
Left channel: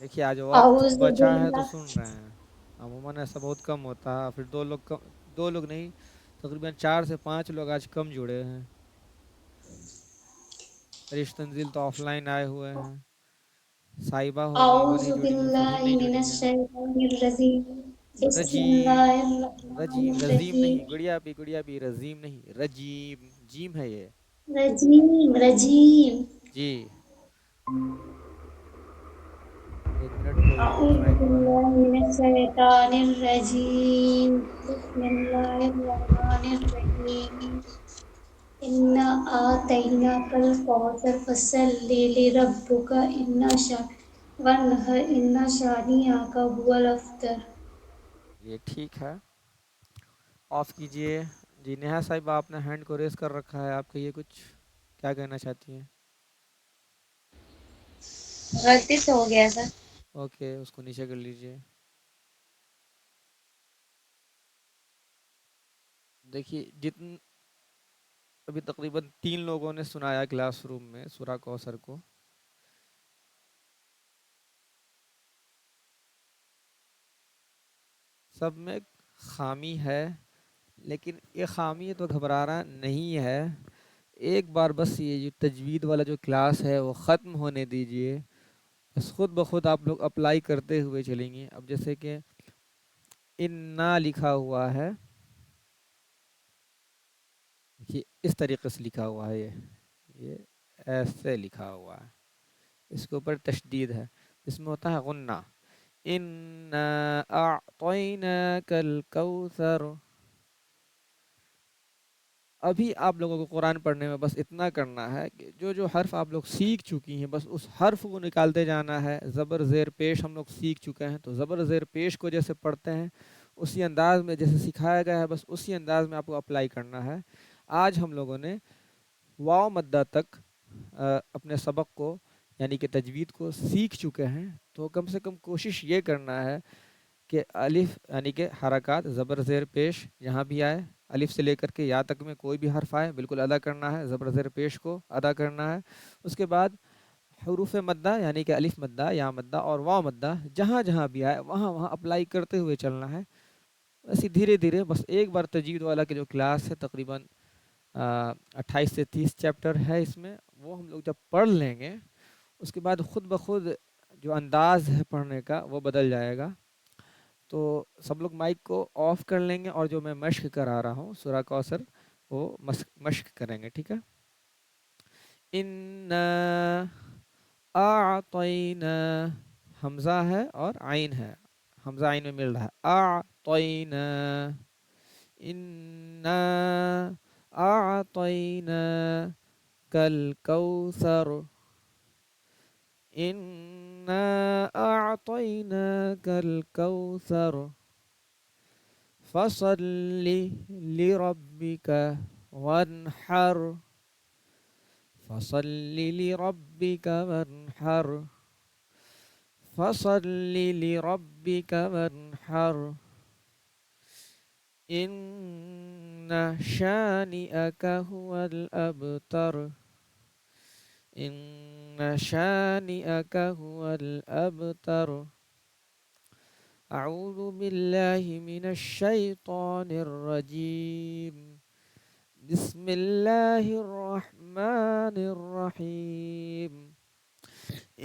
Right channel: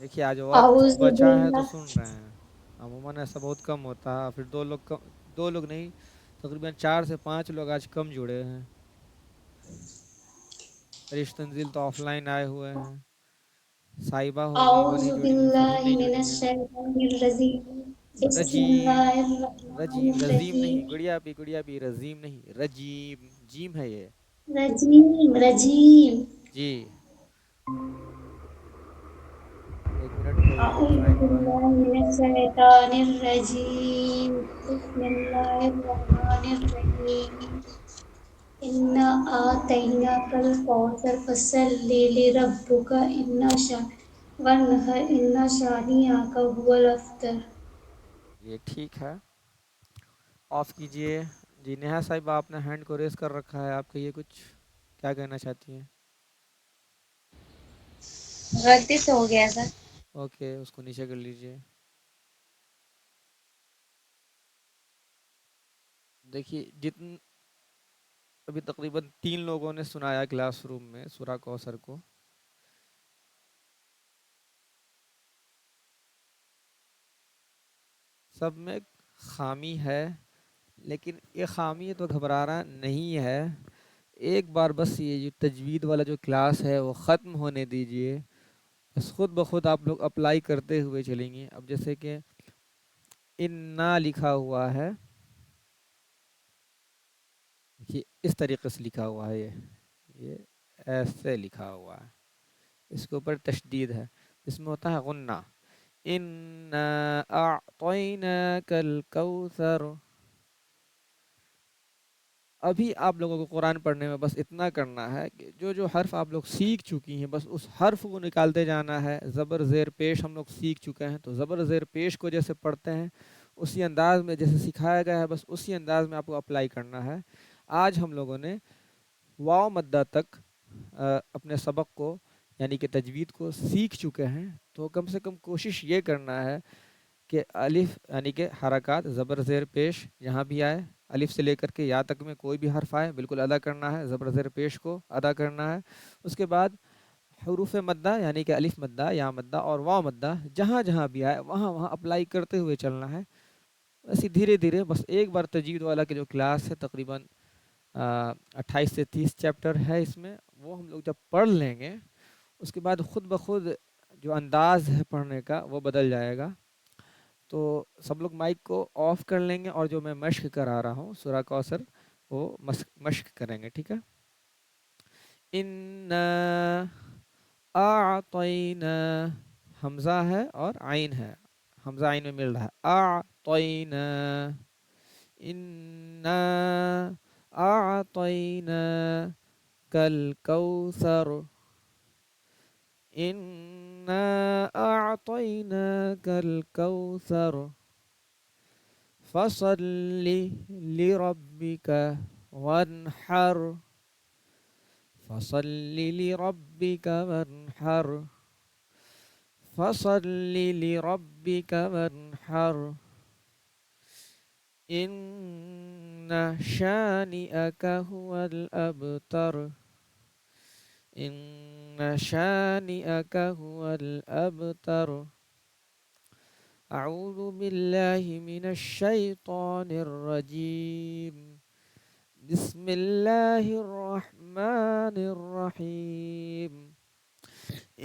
دیکھیے آج وقت اعوذ بچا ہے تو باللہ سن رہے ہیں. عموماً ایسا بہت کم ہوتا ہے. پھر دو لوگ نہیں، تقریباً 4 سے 5 لوگ آج کم جڑے ہیں. رش تنزیل تو آف لائن آئے ہوئے ہیں. صاحبہ ہو گئی وہ اعوذ نہیں جڑی ہیں، فرحین باللہ نہیں من جڑی ہیں. الشیطان الرجیم بسم رجیم، اللہ الرحمن رجیم رضیم الرحیم. نہیں، گڑیا بھی رضیم نہیں، رجیم جیم ہے یہ. رجیم رجیم. جی 1 منٹ کوئی اعوذ ٹرائنگ ہوا ہے. باللہ من الشیطان الرجیم بسم اللہ الرحمن الرحیم انا اعطیناک الکوثر فصلی لربک وانحر ان شانئک هو الابتر. یہ ٹھیک ہے، آف کیجئے. جی نیہا صاحب آپ نے ہینڈ کو ریز کر رکھا ہے، آپ کہیے کچھ، کیا کہنا چاہتی ہیں؟ غلطی سے ہو گیا سر. اوکے اس کو نیچے کر لیجئے. دیکھیے ابھی تقریباً 3 لوگوں نے سنایا کلاس روم میں سورہ کوثر کو. سب میں خامی ہے، لیکن یہ خامی تو گھبرانا نہیں ہے. ایک بار بس یہ جو تجوید والا جو کلاس ہے وہ ختم ہونے دیجئے، بس خود بخود آپ لوگ اپلائی کرتے ہوئے چلیں گے. اب جیسے کہ انا لکھا ہوا ہے، یہ اس طریقے سے لکھا ہوا ہے، یہ ایسے لکھا ہوا ہے، اس کے اوپر تشدید ہے، اس میں ہوتا ہے غنہ. انا اعطیناک الکوثر. ابھی آپ لوگوں کو قرآن پڑھنے میں بس اتنا کرنا ہے کہ جو جو حرف آپ لوگ سیکھ چکی ہیں بس اس حرف کو نکالتے جانا ہے. زبر زیر پیش ہم لوگ سیکھ چکے ہیں، تو زبر زیر پیش کو جیسے پڑھتے ہیں اسی انداز میں جیسے سکھایا گیا ہے بس اسی انداز میں آپ کو اپلائی کرنا ہے. آج ہم لوگوں نے واو مدہ تک اپنے سبق کو یعنی کہ تجوید کو سیکھ چکے ہیں، تو کم سے کم کوشش یہ کرنا ہے کہ الف یعنی کہ حرکات زبر زیر پیش جہاں بھی آئے، الف سے لے کر کے یا تک میں کوئی بھی حرف آئے بالکل ادا کرنا ہے، زبر زیر پیش کو ادا کرنا ہے. اس کے بعد حروف مدہ یعنی کہ الف مدہ یا مدہ اور واو مدہ جہاں جہاں بھی آئے وہاں وہاں اپلائی کرتے ہوئے چلنا ہے. ایسے دھیرے دھیرے بس ایک بار تجوید والا کے جو کلاس ہے تقریباً 28 سے 30 چیپٹر ہے، اس میں وہ ہم لوگ جب پڑھ لیں گے اس کے بعد خود بخود جو انداز ہے پڑھنے کا وہ بدل جائے گا. تو سب لوگ مائک کو آف کر لیں گے اور جو میں مشق کرا رہا ہوں سورہ کوثر وہ مشق کریں گے، ٹھیک ہے. اِنَّا اعطینا، حمزہ ہے اور عین ہے، حمزہ عین میں مل رہا ہے. اعطینا، اِنَّا اعطینا کل کوثر، اِنَّا اعطیناک الکوثر فصل لربک وانحر، فصل لربک وانحر، فصل لربک وانحر، ان شانئک هو الابتر، ان شانئک هو الابتر. اعوذ باللہ من الشیطان الرجیم، بسم اللہ الرحمن الرحیم.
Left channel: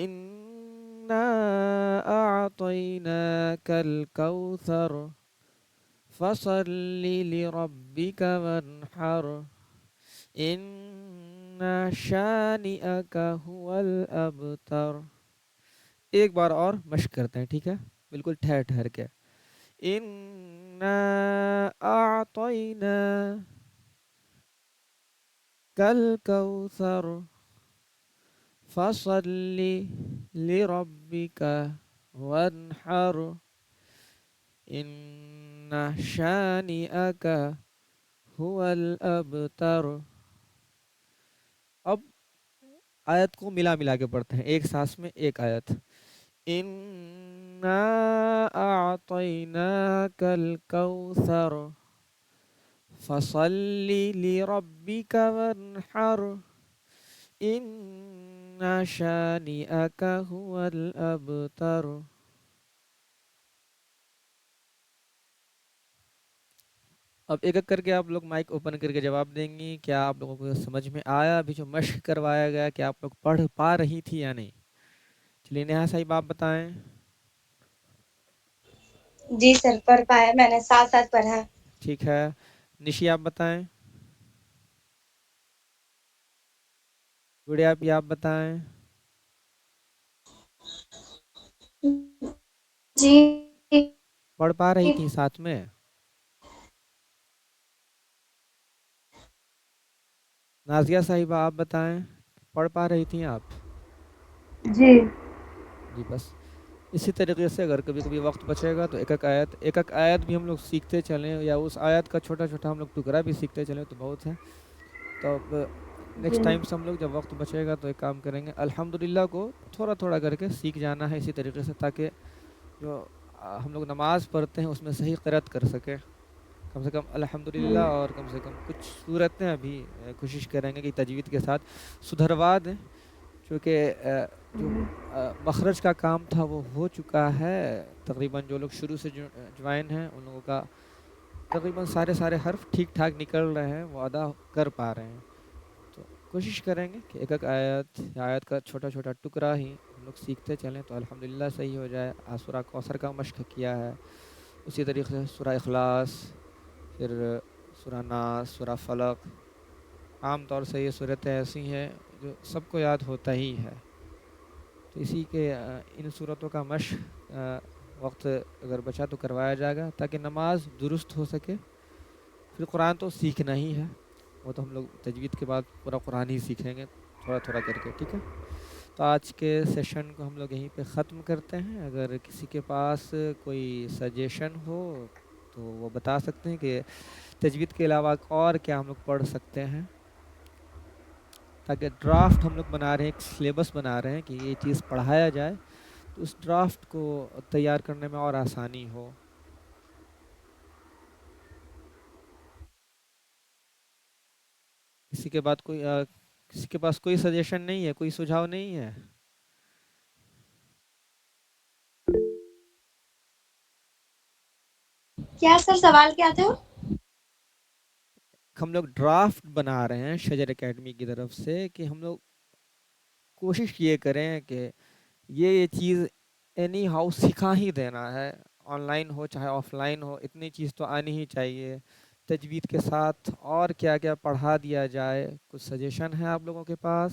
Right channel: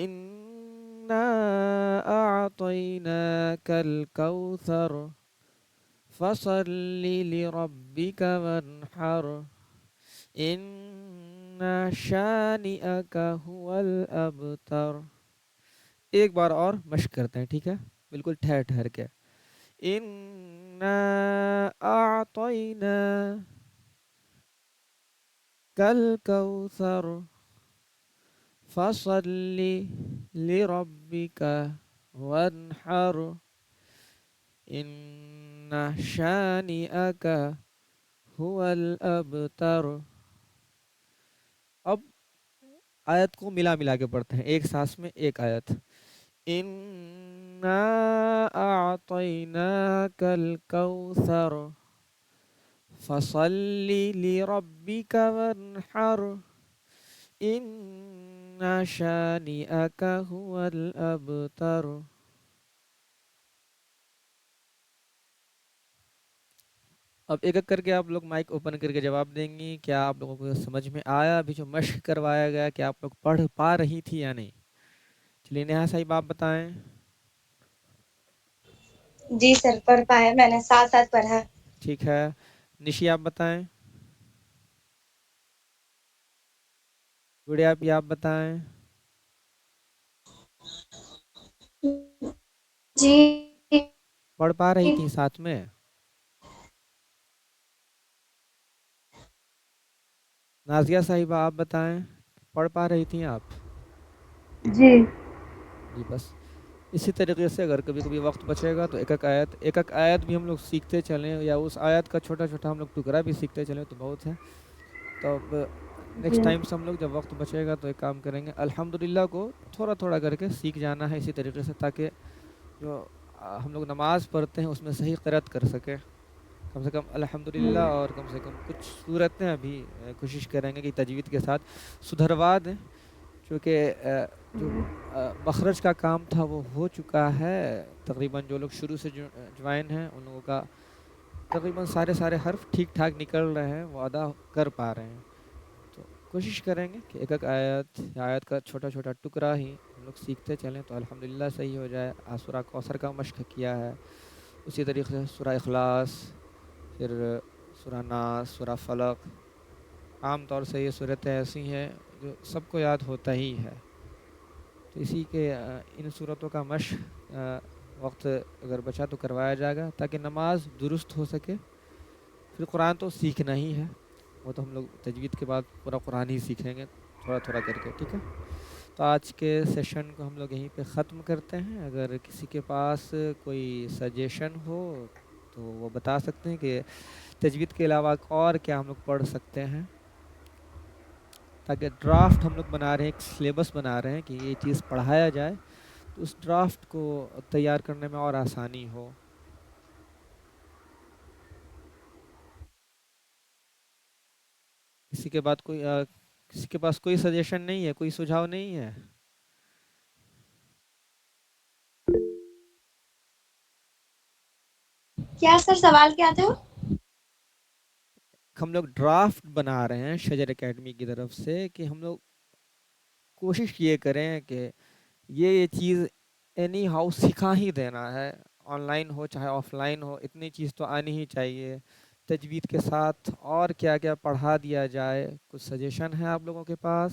انا اعطیناک الکوثر فصل لربک وانحر، ان شانئک هو الابتر. ایک بار اور مشق کرتے ہیں، ٹھیک ہے، بالکل ٹھہر ٹھہر کے. انا اعطینا کل کوثر فصل لربک وانحر، ان شانئک هو الابتر. اب آیت کو ملا ملا کے پڑھتے ہیں، ایک سانس میں ایک آیت. انا اعطیناک الکوثر فصل لربک وانحر، ان شانئک هو الابتر. اب ایک ایک کر کے آپ لوگ مائک اوپن کر کے جواب دیں گی. کیا آپ لوگوں کو سمجھ میں آیا ابھی جو مشق کروایا گیا؟ کیا آپ لوگ پڑھ پا رہی تھی یا نہیں؟ چلیے نیہا صاحب آپ بتائیں. جی سر پڑھ پائے، میں نے ساتھ ساتھ پڑھا. ٹھیک ہے. نشی آپ بتائیں. گڑیا بھی آپ بتائیں. جی پڑھ پا رہی تھی ساتھ میں؟ نازیہ صاحبہ آپ بتائیں، پڑھ پا رہی تھیں آپ؟ جی جی بس اسی طریقے سے اگر کبھی کبھی وقت بچے گا تو ایک ایک آیت بھی ہم لوگ سیکھتے چلیں، یا اس آیت کا چھوٹا چھوٹا ہم لوگ ٹکڑا بھی سیکھتے چلیں تو بہت ہے. تو اب نیکسٹ جی ٹائم سے ہم لوگ جب وقت بچے گا تو ایک کام کریں گے، الحمدللہ کو تھوڑا تھوڑا کر کے سیکھ جانا ہے اسی طریقے سے، تاکہ جو ہم لوگ نماز پڑھتے ہیں اس میں صحیح قرأت کر سکیں. کم سے کم الحمدللہ، اور کم سے کم کچھ صورتیں ابھی کوشش کریں گے کہ تجوید کے ساتھ سدھروا دیں، چونکہ جو مخرج کا کام تھا وہ ہو چکا ہے تقریباً. جو لوگ شروع سے جوائن ہیں ان لوگوں کا تقریباً سارے حرف ٹھیک ٹھاک نکل رہے ہیں، وہ ادا کر پا رہے ہیں. تو کوشش کریں گے کہ ایک ایک آیت یا آیت کا چھوٹا چھوٹا ٹکڑا ہی ہم لوگ سیکھتے چلیں تو الحمدللہ صحیح ہو جائے. آج سورہ کوثر کا مشق کیا ہے، اسی طریقے سے سورہ اخلاص، پھر سورہ ناس، سورہ فلق. عام طور سے یہ صورتیں ایسی ہیں جو سب کو یاد ہوتا ہی ہے. تو اسی کے ان صورتوں کا مشق وقت اگر بچا تو کروایا جائے گا تاکہ نماز درست ہو سکے. پھر قرآن تو سیکھنا ہی ہے، وہ تو ہم لوگ تجوید کے بعد پورا قرآن ہی سیکھیں گے تھوڑا تھوڑا کر کے، ٹھیک ہے. تو آج کے سیشن کو ہم لوگ یہیں پہ ختم کرتے ہیں. اگر کسی کے پاس کوئی سجیشن ہو تو وہ بتا سکتے ہیں کہ تجوید کے علاوہ اور کیا ہم لوگ پڑھ سکتے ہیں، تاکہ ڈرافٹ ہم لوگ بنا رہے ہیں، ایک سلیبس بنا رہے ہیں کہ یہ چیز پڑھایا جائے تو اس ڈرافٹ کو تیار کرنے میں اور آسانی ہو. کسی کے بعد کوئی کسی کے پاس کوئی سجیشن نہیں ہے، کوئی سجھاؤ نہیں ہے؟ کیا سر سوال کیا تھا؟ ہم لوگ ڈرافٹ بنا رہے ہیں شجر اکیڈمی کی طرف سے کہ ہم لوگ کوشش یہ کریں کہ یہ چیز اینی ہاؤ سکھا ہی دینا ہے، آن لائن ہو چاہے آف لائن ہو، اتنی چیز تو آنی ہی چاہیے. تجوید کے ساتھ اور کیا کیا پڑھا دیا جائے، کچھ سجیشن ہے آپ لوگوں کے پاس؟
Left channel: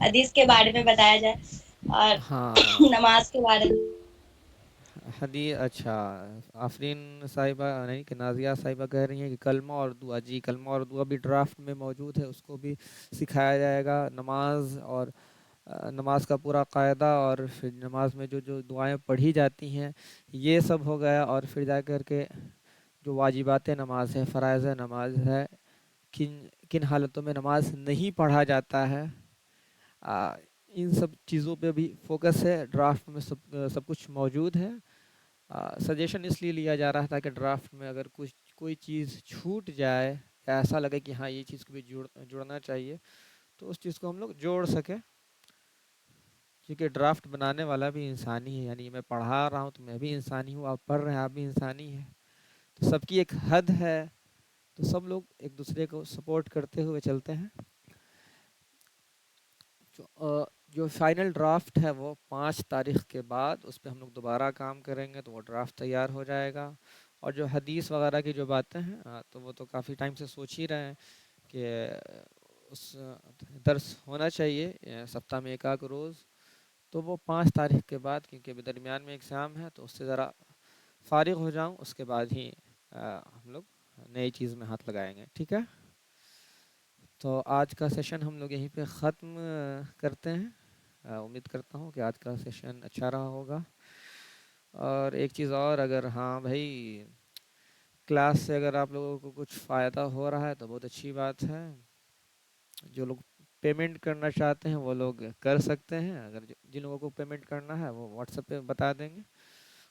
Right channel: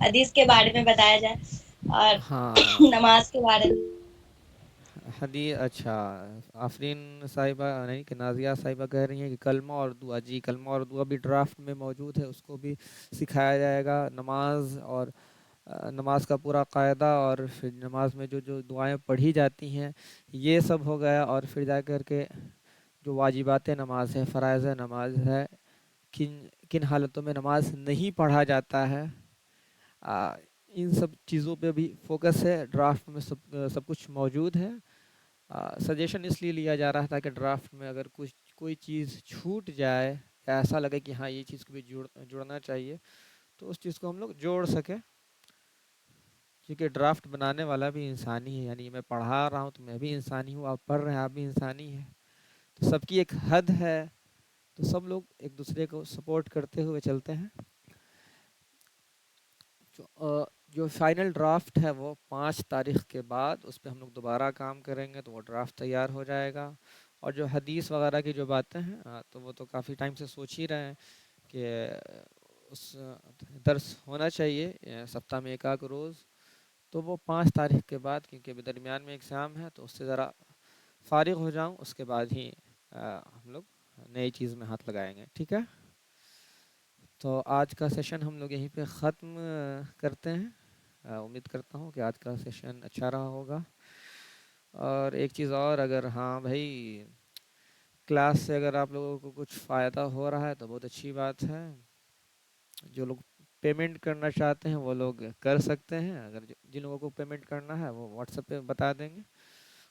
حدیث کے بارے میں بتایا جائے اور ہاں، نماز کے بارے میں. اچھا. آفرین صاحبہ نہیں کہ نازیہ صاحبہ کہہ رہی ہیں کہ کلمہ اور دعا، جی کلمہ اور دعا بھی ڈرافٹ میں موجود ہے، اس کو بھی سکھایا جائے گا. نماز اور نماز کا پورا قاعدہ، اور پھر نماز میں جو جو دعائیں پڑھی جاتی ہیں یہ سب ہو گیا. اور پھر جا کر کے جو واجبات نماز ہے، فرائض نماز ہے، کن کن حالتوں میں نماز نہیں پڑھا جاتا ہے، ان سب چیزوں پہ بھی فوکس ہے. ڈرافٹ میں سب کچھ موجود ہے. سجیشن اس لیے لیا جا رہا تھا کہ ڈرافٹ میں اگر کوئی چیز چھوٹ جائے یا ایسا لگے کہ ہاں یہ چیز کو بھی جوڑنا چاہیے تو اس چیز کو ہم لوگ جوڑ سکیں، کیونکہ ڈرافٹ بنانے والا بھی انسانی ہے. یعنی میں پڑھا رہا ہوں تو میں بھی انسانی ہوں، آپ پڑھ رہے ہیں آپ بھی انسانی ہیں. تو سب کی ایک حد ہے، تو سب لوگ ایک دوسرے کو سپورٹ کرتے ہوئے چلتے ہیں. جو فائنل ڈرافٹ ہے وہ 5 تاریخ کے بعد اس پہ ہم لوگ دوبارہ کام کریں گے تو وہ ڈرافٹ تیار ہو جائے گا. اور جو حدیث وغیرہ کی جو باتیں ہیں تو وہ تو کافی ٹائم سے سوچ ہی رہے ہیں کہ اس درس ہونا چاہیے سپتہ میں ایک آدھ روز. تو وہ 5 تاریخ کے بعد، کیونکہ ابھی درمیان میں ایگزام ہے تو اس سے ذرا فارغ ہو جاؤں اس کے بعد ہی ہم لوگ نئی چیز میں ہاتھ لگائیں گے، ٹھیک ہے. تو آج کا سیشن ہم لوگ یہیں پہ ختم کرتے ہیں. امید کرتا ہوں کہ آج کا سیشن اچھا رہا ہوگا. اور ایک چیز اور، اگر ہاں بھائی کلاس سے اگر آپ لوگوں کو کچھ فائدہ ہو رہا ہے تو بہت اچھی بات ہے. جو لوگ پیمنٹ کرنا چاہتے ہیں وہ لوگ کر سکتے ہیں. اگر جن لوگوں کو پیمنٹ کرنا ہے وہ واٹس ایپ پہ بتا دیں گے،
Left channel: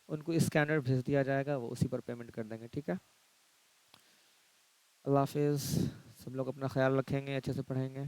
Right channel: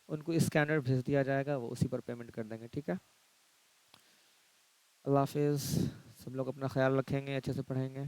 ان کو اسکینر بھیج دیا جائے گا، وہ اسی پر پیمنٹ کر دیں گے، ٹھیک ہے. اللہ حافظ. سب لوگ اپنا خیال رکھیں گے، اچھے سے پڑھیں گے.